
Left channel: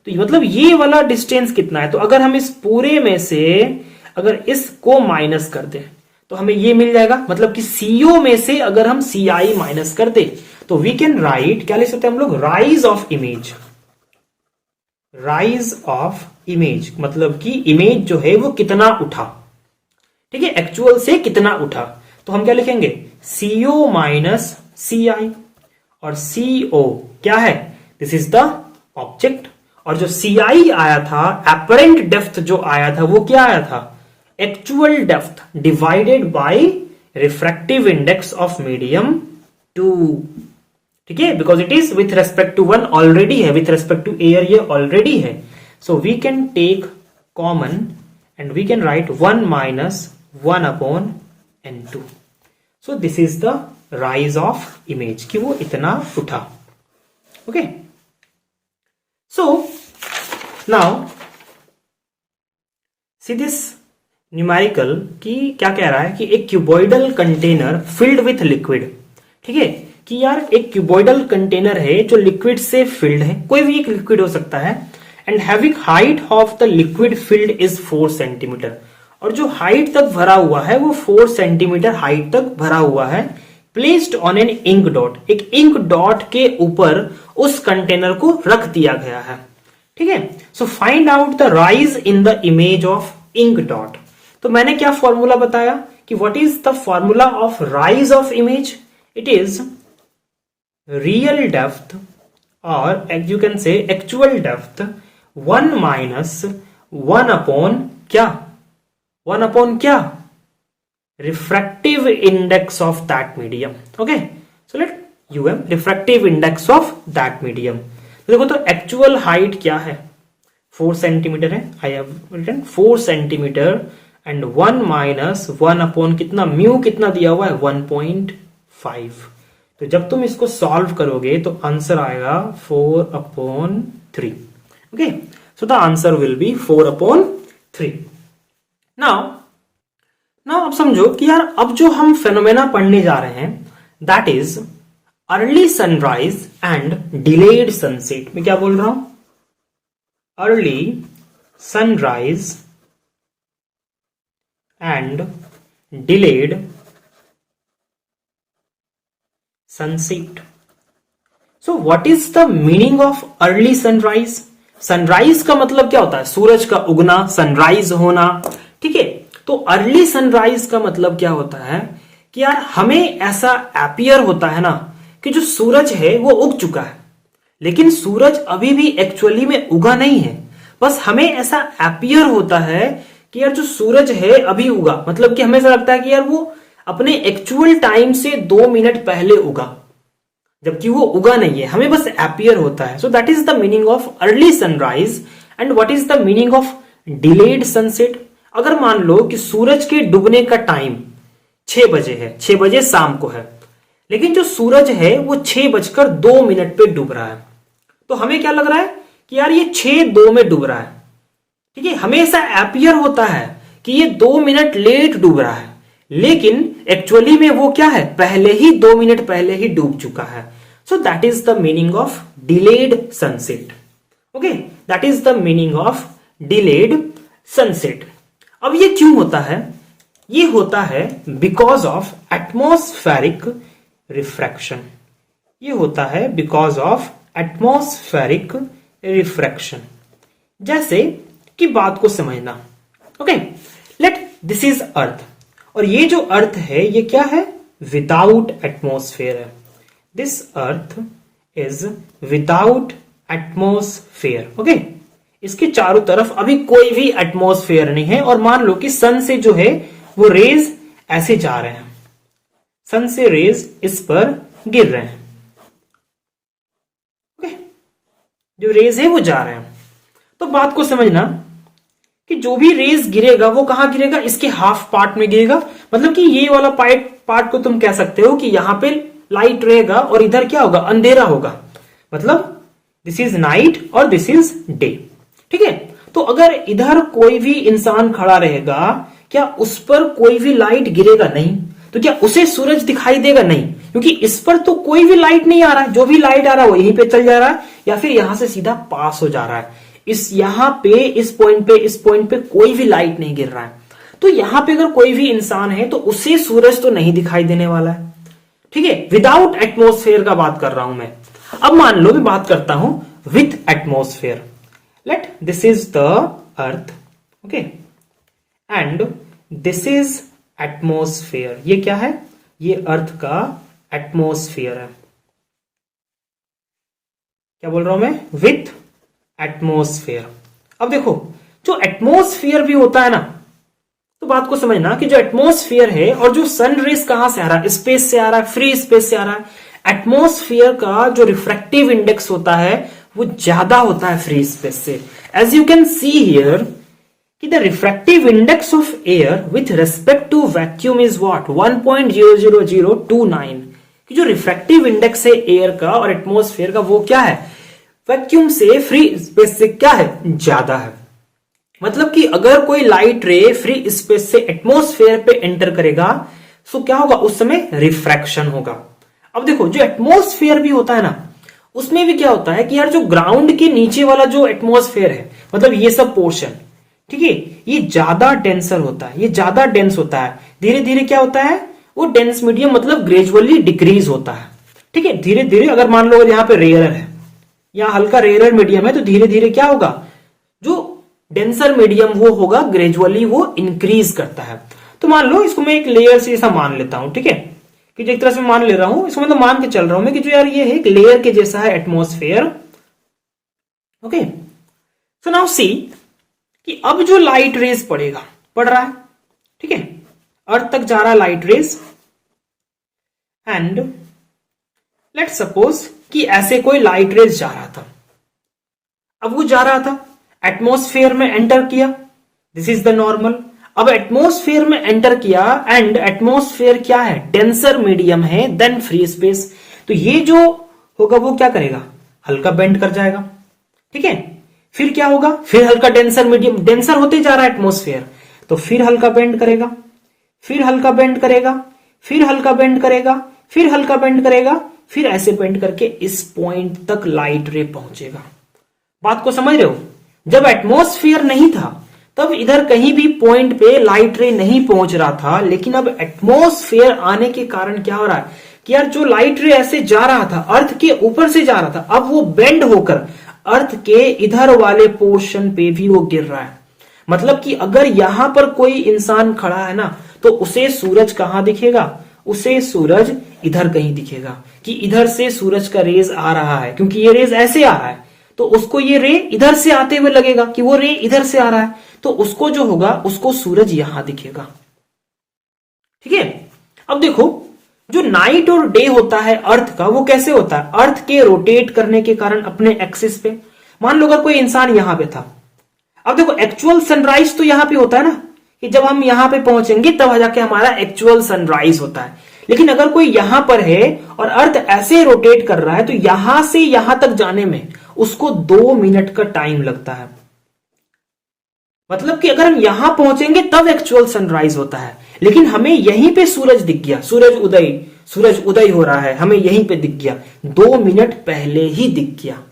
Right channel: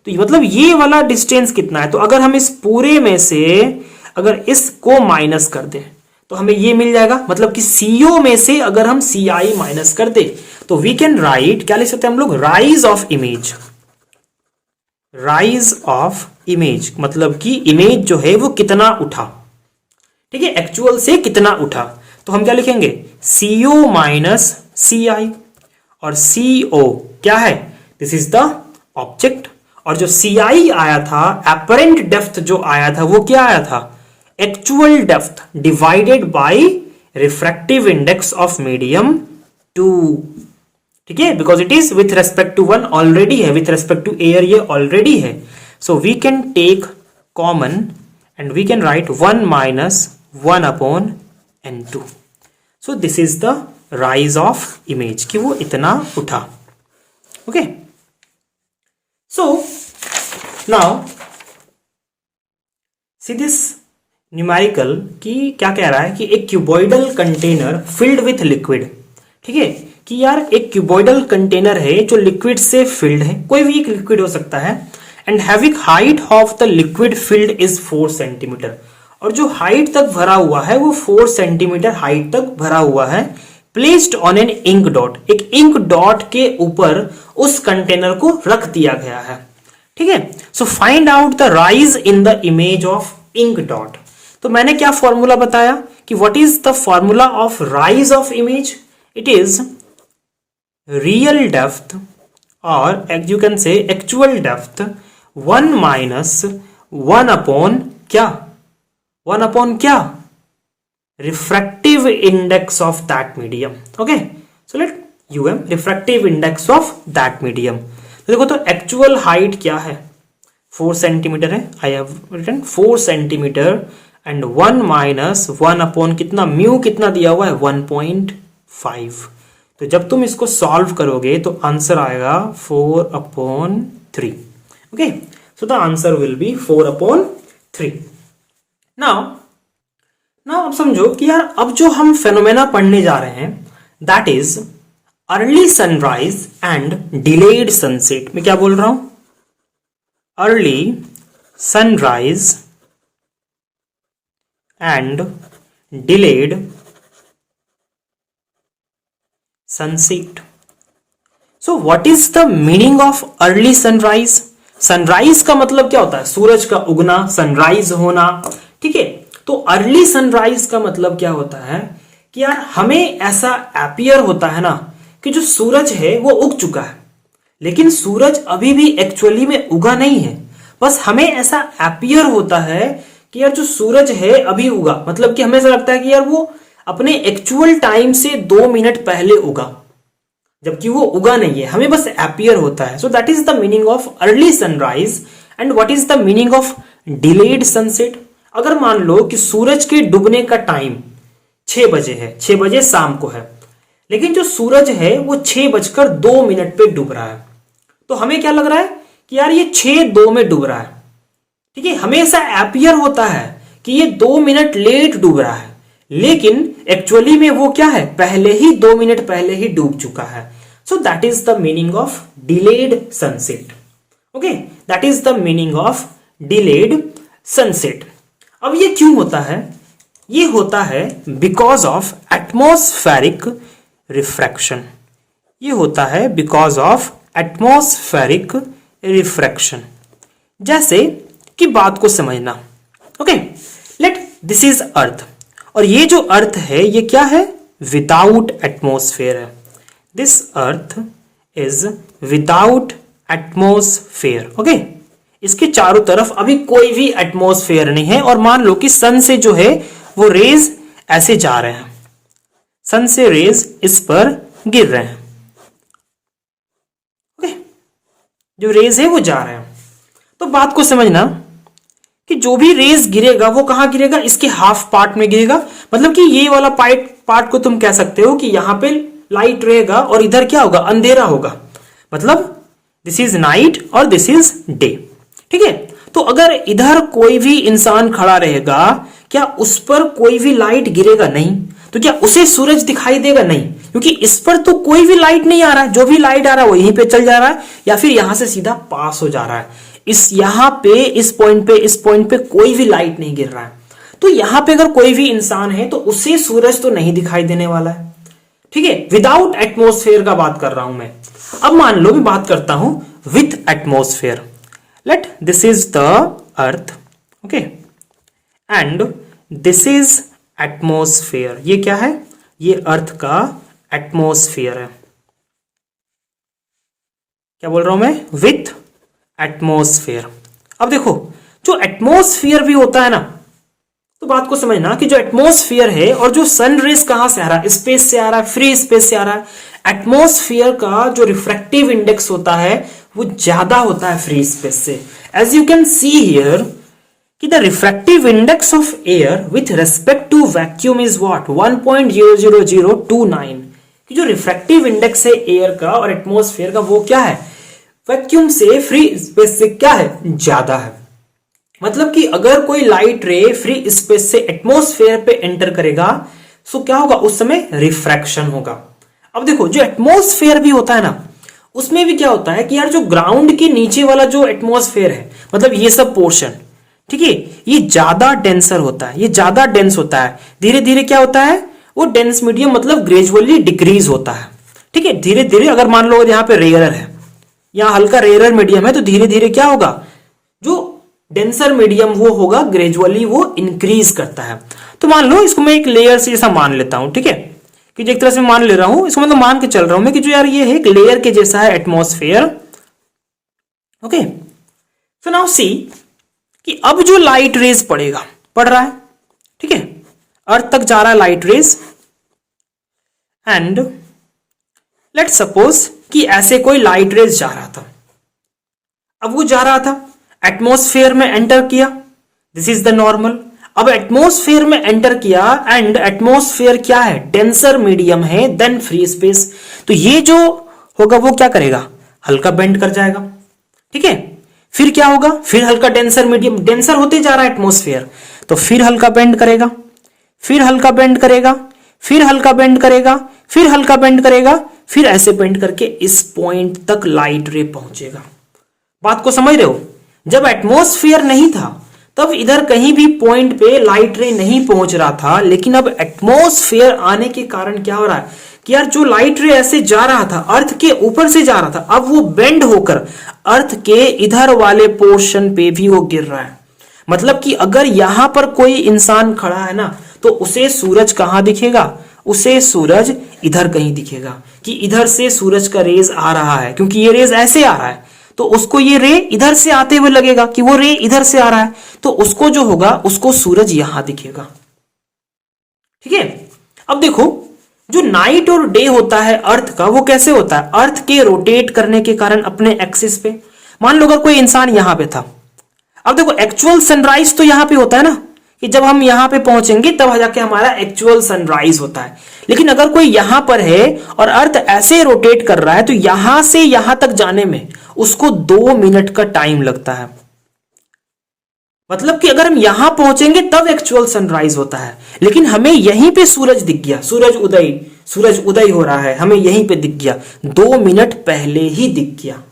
तो मतलब ये वाला डिस्टेंस कितना है। तो अगर हम इस पूरे में से अगर इसको माइनस कर दे तो हमें ये मिल जाएगा, मतलब कि CO में से अगर हम CI माइनस कर दे तो वी कैन राइट, क्या लिख सकते हैं हम लोग, rise of image, rise of image, मतलब कि इमेज जो है वो कितना उठा, ठीक है, एक्चुअल से कितना उठा। तो हम क्या लिखेंगे, CO माइनस CI, और CO क्या है, दिस इज द ऑब्जेक्ट, और जो CI आया था, एपरेंट डेप्थ जो आया था, वो क्या आया था, actual depth divided by refractive index of medium 2, ठीक है, because it is with respect to 1 already है, विथ रेस्पेक्ट टू एयर ये ऑलरेडी है। So we can take common and we can write 1 minus 1 upon N2। So this is the rise of image, कि वो इतना उठा। Okay, so now see this numerical की क्या कह रहा है कि एक cuboidal container filled with liquid, ठीक है, कि यार एक क्यूबॉइडल कंटेनर है जो लिक्विड से फिल्ड है, कोई भी एक लिक्विड हो सकता है, and having height of the liquid field is 4 centimetre, और जो हाइट तक भरा हुआ है वो 4 सेंटीमीटर हाइट तक भरा हुआ है, placed on an ink dot, एक इंक डॉट के ऊपर उस कंटेनर को रख दिया गया है, ठीक है। So find out the rise in the image of ink dot. तो मैंने क्या फॉर्मूला बताया कि what is the formula of rise of image, it is real depth, और you can say actual depth 1 minus 1 upon क्या, 1 upon क्या, refractive index of that medium. Okay, so let UM refractive index of that medium. देखो तो actual height क्या है, 4 centimetre है, आई have written 4 centimetre, and 1 minus 1 upon कितना, mu कितना दिया हुआ है 1.5। तो जब तुम इसको सॉल्व करोगे तो आंसर आएगा 4/3। Okay, so the answer will be 4/3। Now अब समझो कि यार अब जो हम फेनोमेना पढ़ने जा रहे हैं that is early sunrise and delayed sunset. मैं क्या बोल रहा हूं, early sunrise and delayed sunset. So what is the meaning of early sunrise? Sunrise का मतलब क्या होता है, सूरज का उगना, सनराइज होना, ठीक है। तो अर्ली सनराइज का मतलब क्या होता है कि यार हमें ऐसा अपीयर होता है ना कि जो सूरज है वो उग चुका है, लेकिन सूरज अभी भी एक्चुअली में उगा नहीं है, बस हमें ऐसा अपीयर होता है कि यार जो सूरज है अभी उगा, मतलब कि हमें ऐसा लगता है कि यार वो अपने एक्चुअल टाइम से 2 मिनट पहले उगा, जबकि वो उगा नहीं है, हमें बस अपीयर होता है। So that is the meaning of early sunrise. And what is the meaning of delayed sunset? अगर मान लो कि सूरज के डूबने का टाइम 6 बजे है, 6 बजे शाम को है, लेकिन जो सूरज है वो 6:02 पे डूब रहा है, तो हमें क्या लग रहा है कि यार ये 6:02 में डूब रहा है, ठीक है। हमें ऐसा अपीयर होता है कि ये 2 मिनट लेट डूब रहा है, लेकिन एक्चुअली में वो क्या है, पहले ही 2 मिनट पहले ही डूब चुका है। So that is the meaning of delayed sunset. Okay, that is the meaning of delayed sunset. अब ये क्यों होता है? ये होता है बिकॉज ऑफ एटमॉस्फेरिक रिफ्रैक्शन। ये होता है बिकॉज ऑफ एटमॉस्फेरिक रिफ्रैक्शन। जैसे कि बात को समझना, okay, let this is earth, और ये जो अर्थ है ये क्या है, विदाउट एटमॉस्फेयर है। This earth is without atmosphere. Okay, इसके चारों तरफ अभी कोई भी एटमॉस्फेयर नहीं है, और मान लो कि सन से जो है वो रेज ऐसे जा रहे हैं, सन से रेज इस पर गिर रहे हैं, ओके, जो रेज है वो जा रहे हैं। तो बात को समझना कि जो भी रेज गिरेगा वो कहां गिरेगा, इसके हाफ पार्ट में गिरेगा, मतलब कि ये वाला पार्ट को तुम कह सकते हो कि यहां पे लाइट रहेगा और इधर क्या होगा, अंधेरा होगा, मतलब दिस इज नाइट और दिस इज डे, ठीक है। तो अगर इधर कोई भी इंसान खड़ा रहेगा, क्या उस पर कोई भी लाइट गिरेगा? नहीं। तो क्या उसे सूरज दिखाई देगा? नहीं, क्योंकि इस पर तो कोई भी लाइट नहीं आ रहा, जो भी लाइट आ रहा है वो यहीं पे चल जा रहा है, या फिर यहां से सीधा पास हो जा रहा है। इस यहां पे इस पॉइंट पे कोई भी लाइट नहीं गिर रहा है। तो यहां पे अगर कोई भी इंसान है तो उसे सूरज तो नहीं दिखाई देने वाला है, ठीक है। विदाउट एटमॉस्फेयर का बात कर रहा हूं मैं। अब मान लो मैं बात करता हूं with atmosphere. Let this is the earth, okay, and this is atmosphere. ये क्या है? ये अर्थ का एटमॉस्फेयर है। क्या बोल रहा हूं मैं? With atmosphere. अब देखो, जो एटमॉस्फेयर भी होता है ना, तो बात को समझना कि जो एटमॉस्फेयर है और जो सन रेज कहां से आ रहा है? स्पेस से आ रहा है, फ्री स्पेस से आ रहा है। एटमॉस्फेयर का जो रिफ्रैक्टिव इंडेक्स होता है वो ज्यादा होता है फ्री स्पेस से। As you can see here कि the refractive index of air with respect to vacuum is what? 1.00029। कि जो रिफ्रैक्टिव इंडेक्स है एयर का और एटमॉस्फेयर का वो क्या है? वैक्यूम से फ्री स्पेस से क्या है? ज्यादा है। मतलब कि अगर कोई लाइट रे फ्री स्पेस से एटमॉस्फेयर पे एंटर करेगा तो क्या होगा? उस समय रिफ्रैक्शन होगा। अब देखो, जो एटमॉस्फेयर भी होता है ना, उसमें भी क्या होता है कि यार जो ग्राउंड के नीचे वाला जो एटमॉस्फेयर है, मतलब ये सब पोर्शन, ठीक है, ये ज्यादा डेंसर होता है, ये ज्यादा डेंस होता है। धीरे धीरे क्या होता है? वो डेंस मीडियम मतलब ग्रेजुअली डिक्रीज होता है, ठीक है, धीरे धीरे। अगर मान लो यहाँ पे रेयरर है, यहाँ हल्का रेयरर मीडियम है, तो धीरे धीरे क्या होगा? जो डेंसर मीडियम वो होगा, ग्रेजुअली वो इंक्रीज करता है। तो मान लो इसको मैं एक लेयर से ऐसा मान लेता हूं, ठीक है, कि एक तरह से मान ले रहा हूं, इसको मतलब मान के चल रहा हूं मैं कि जो यार ये है एक लेयर के जैसा है एटमॉस्फेयर, ओके। सो नाउ सी कि अब जो लाइट रेज पड़ रहा है, ठीक है, अर्थ तक जा रहा है light rays, and let suppose कि ऐसे कोई लाइट रेज जा रहा था। अब वो जा रहा था, एटमॉस्फेयर में एंटर किया, दिस इज द नॉर्मल। अब एटमॉस्फेयर में एंटर किया एंड एटमॉस्फेयर क्या है? डेंसर मीडियम है देन फ्री स्पेस। तो ये जो होगा वो क्या करेगा? हल्का बेंड कर जाएगा, ठीक है। फिर क्या होगा? फिर हल्का डेंसर मीडियम, डेंसर होते जा रहा है एटमॉस्फेयर, तो फिर हल्का बेंड करेगा, फिर हल्का बेंड करेगा, फिर हल्का बेंड करेगा, फिर हल्का बेंड करेगा, फिर ऐसे बेंड करके इस पॉइंट तक लाइट रे पहुंचेगा। बात को समझ रहे हो? जब एटमॉस्फेयर नहीं था तब इधर कहीं भी पॉइंट पे लाइट रे नहीं पहुंच रहा था, लेकिन अब एटमॉस्फेयर आने के कारण क्या हो रहा है कि यार जो लाइट रे ऐसे जा रहा था, अर्थ के ऊपर से जा रहा था, अब वो बेंड होकर अर्थ के इधर वाले पोर्शन पे भी वो गिर रहा है। मतलब कि अगर यहां पर कोई इंसान खड़ा है ना, तो उसे सूरज कहां दिखेगा? उसे सूरज इधर कहीं दिखेगा, कि इधर से सूरज का रेज आ रहा है, क्योंकि ये रेज ऐसे आ रहा है, तो उसको ये रे इधर से आते हुए लगेगा कि वो रे इधर से आ रहा है, तो उसको जो होगा उसको सूरज यहां दिखेगा, ठीक है। अब देखो, जो नाइट और डे होता है अर्थ का, वो कैसे होता है? अर्थ के रोटेट करने के कारण अपने एक्सिस पे। मान लो अगर कोई इंसान यहां पे था, अब देखो एक्चुअल सनराइज तो यहां पे होता है ना, कि जब हम यहां पे पहुंचेंगे तब जाके हमारा एक्चुअल सनराइज होता है। लेकिन अगर कोई यहां पर है और अर्थ ऐसे रोटेट कर रहा है, तो यहां से यहां तक जाने में उसको 2 मिनट का टाइम लगता है। मतलब कि अगर हम यहां पहुंचेंगे तब एक्चुअल सनराइज होता है, लेकिन हमें यहीं पे सूरज दिख गया, सूरज उदय हो रहा है, हमें यहीं पे दिख गया, 2 मिनट पहले ही दिख गया।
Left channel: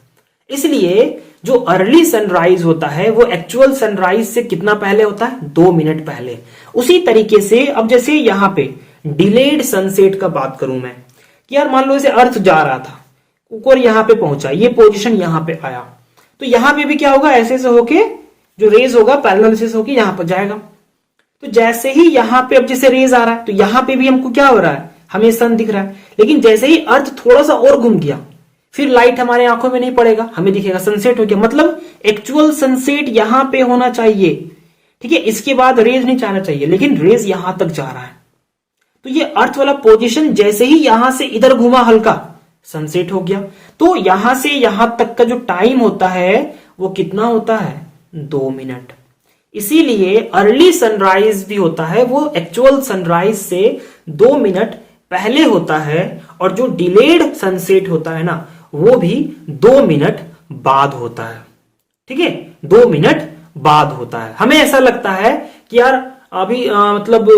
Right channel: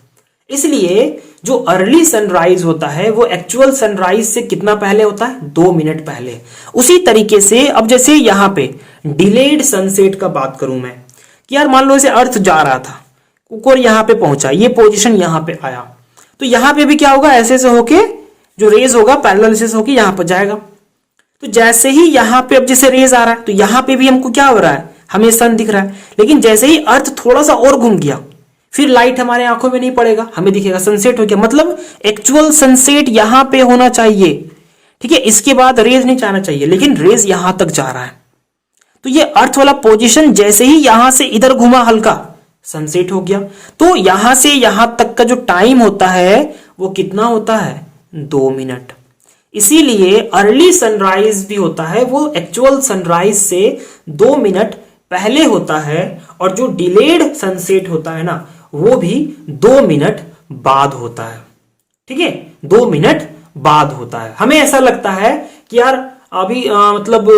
इसलिए जो अर्ली सनराइज होता है वो एक्चुअल सनराइज से कितना पहले होता है? 2 मिनट पहले। उसी तरीके से अब जैसे यहां पे डिलेड सनसेट का बात करूं मैं, कि यार मान लो इसे अर्थ जा रहा था और यहां पे पहुंचा, ये पोजीशन यहां पे आया, तो यहां पे भी क्या होगा? ऐसे से होके जो रेज होगा पैरेलल से होके यहां पर जाएगा। तो जैसे ही यहां पे अब जैसे रेज आ रहा है, तो यहां पे भी हमको क्या हो रहा है? हमें सन दिख रहा है। लेकिन जैसे ही अर्थ थोड़ा सा और घूम गया, फिर लाइट हमारे आंखों में नहीं पड़ेगा, हमें दिखेगा सनसेट हो गया। मतलब एक्चुअल सनसेट यहां पे होना चाहिए, ठीक है, इसके बाद रेज नहीं जाना चाहिए, लेकिन रेज यहां तक जा रहा है। तो ये अर्थ वाला पोजीशन जैसे ही यहां से इधर घुमा हल्का, सनसेट हो गया। तो यहां से यहां तक का जो टाइम होता है वो कितना होता है? 2 मिनट। इसीलिए अर्ली सनराइज भी होता है वो एक्चुअल सनराइज से 2 मिनट पहले होता है, और जो डिलेड सनसेट होता है ना, वो भी 2 मिनट बाद होता है, ठीक है, 2 मिनट बाद होता है। हमें ऐसा लगता है कि यार अभी मतलब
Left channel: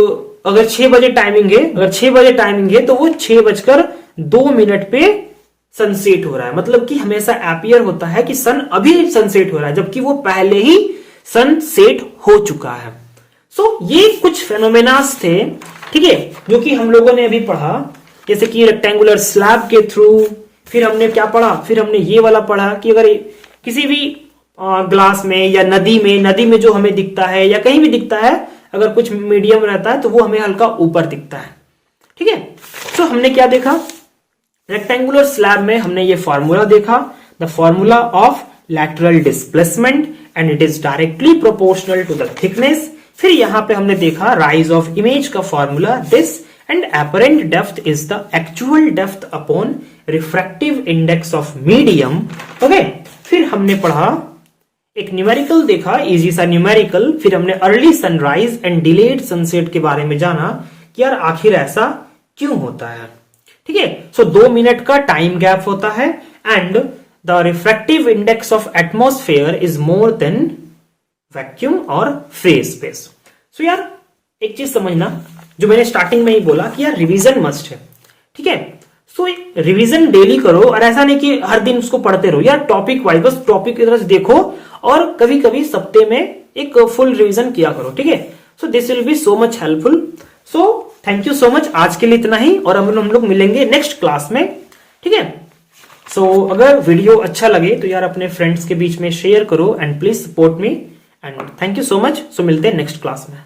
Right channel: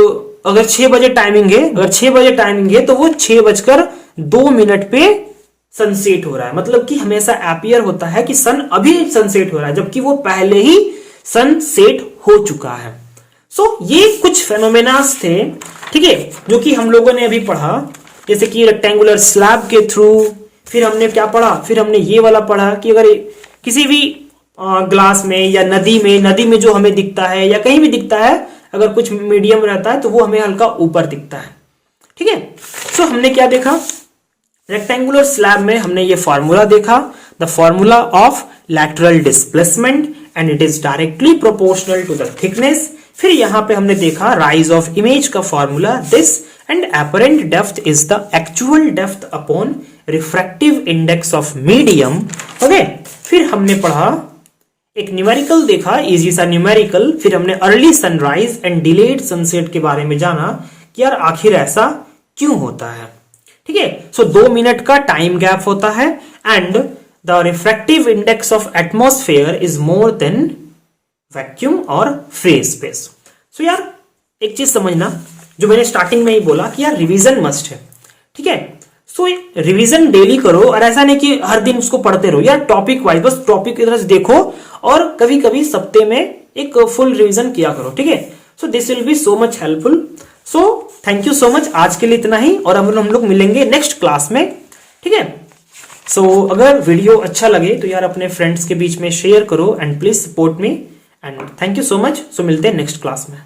अगर 6 बजे टाइमिंग है, तो वो 6:02 पे सनसेट हो रहा है। मतलब कि हमेशा एपियर होता है कि सन अभी सनसेट हो रहा है, जबकि वो पहले ही सनसेट हो चुका है। सो ये कुछ फेनोमेनास थे, ठीक है, जो कि हम लोगों ने अभी पढ़ा, जैसे कि रेक्टेंगुलर स्लैब के थ्रू। फिर हमने क्या पढ़ा? फिर हमने ये वाला पढ़ा कि अगर किसी भी ग्लास में या नदी में जो हमें दिखता है या कहीं भी दिखता है, अगर कुछ मीडियम रहता है तो वो हमें हल्का ऊपर दिखता है। ठीक है, तो हमने क्या देखा, रेक्टेंगुलर स्लैब में हमने ये फॉर्मूला देखा, the formula of lateral displacement and it is directly proportional to the thickness. फिर यहां पे हमने देखा राइज ऑफ इमेज का formula, this and apparent depth is the actual depth upon refractive index of medium. Okay, फिर हमने पढ़ा एक न्यूमेरिकल देखा, इजी सा न्यूमेरिकल। फिर हमने early sunrise and delayed sunset के बारे में जाना कि यार आखिर ऐसा क्यों होता है। ठीक है, सो 2 मिनट का टाइम गैप होता है and the refractive index of atmosphere is more than vacuum और फेज स्पेस। सो यार एक चीज समझना, जो मैंने स्टार्टिंग में ही बोला कि यार रिवीजन मस्ट है। ठीक है, सो रिवीजन डेली करो, और ऐसा नहीं कि हर दिन उसको पढ़ते रहो यार, टॉपिक वाइज बस टॉपिक की तरह से देखो और कभी कभी सप्ते में एक फुल रिवीजन किया करो। ठीक है, so this will B so much helpful. So thank you so much, आज के लिए इतना ही, और हम लोग मिलेंगे नेक्स्ट क्लास में। ठीक है, सो अगर वीडियो अच्छा लगे तो यार अपने फ्रेंड्स के बीच में शेयर करो and please support me and thank you so much. So मिलते हैं नेक्स्ट क्लास में।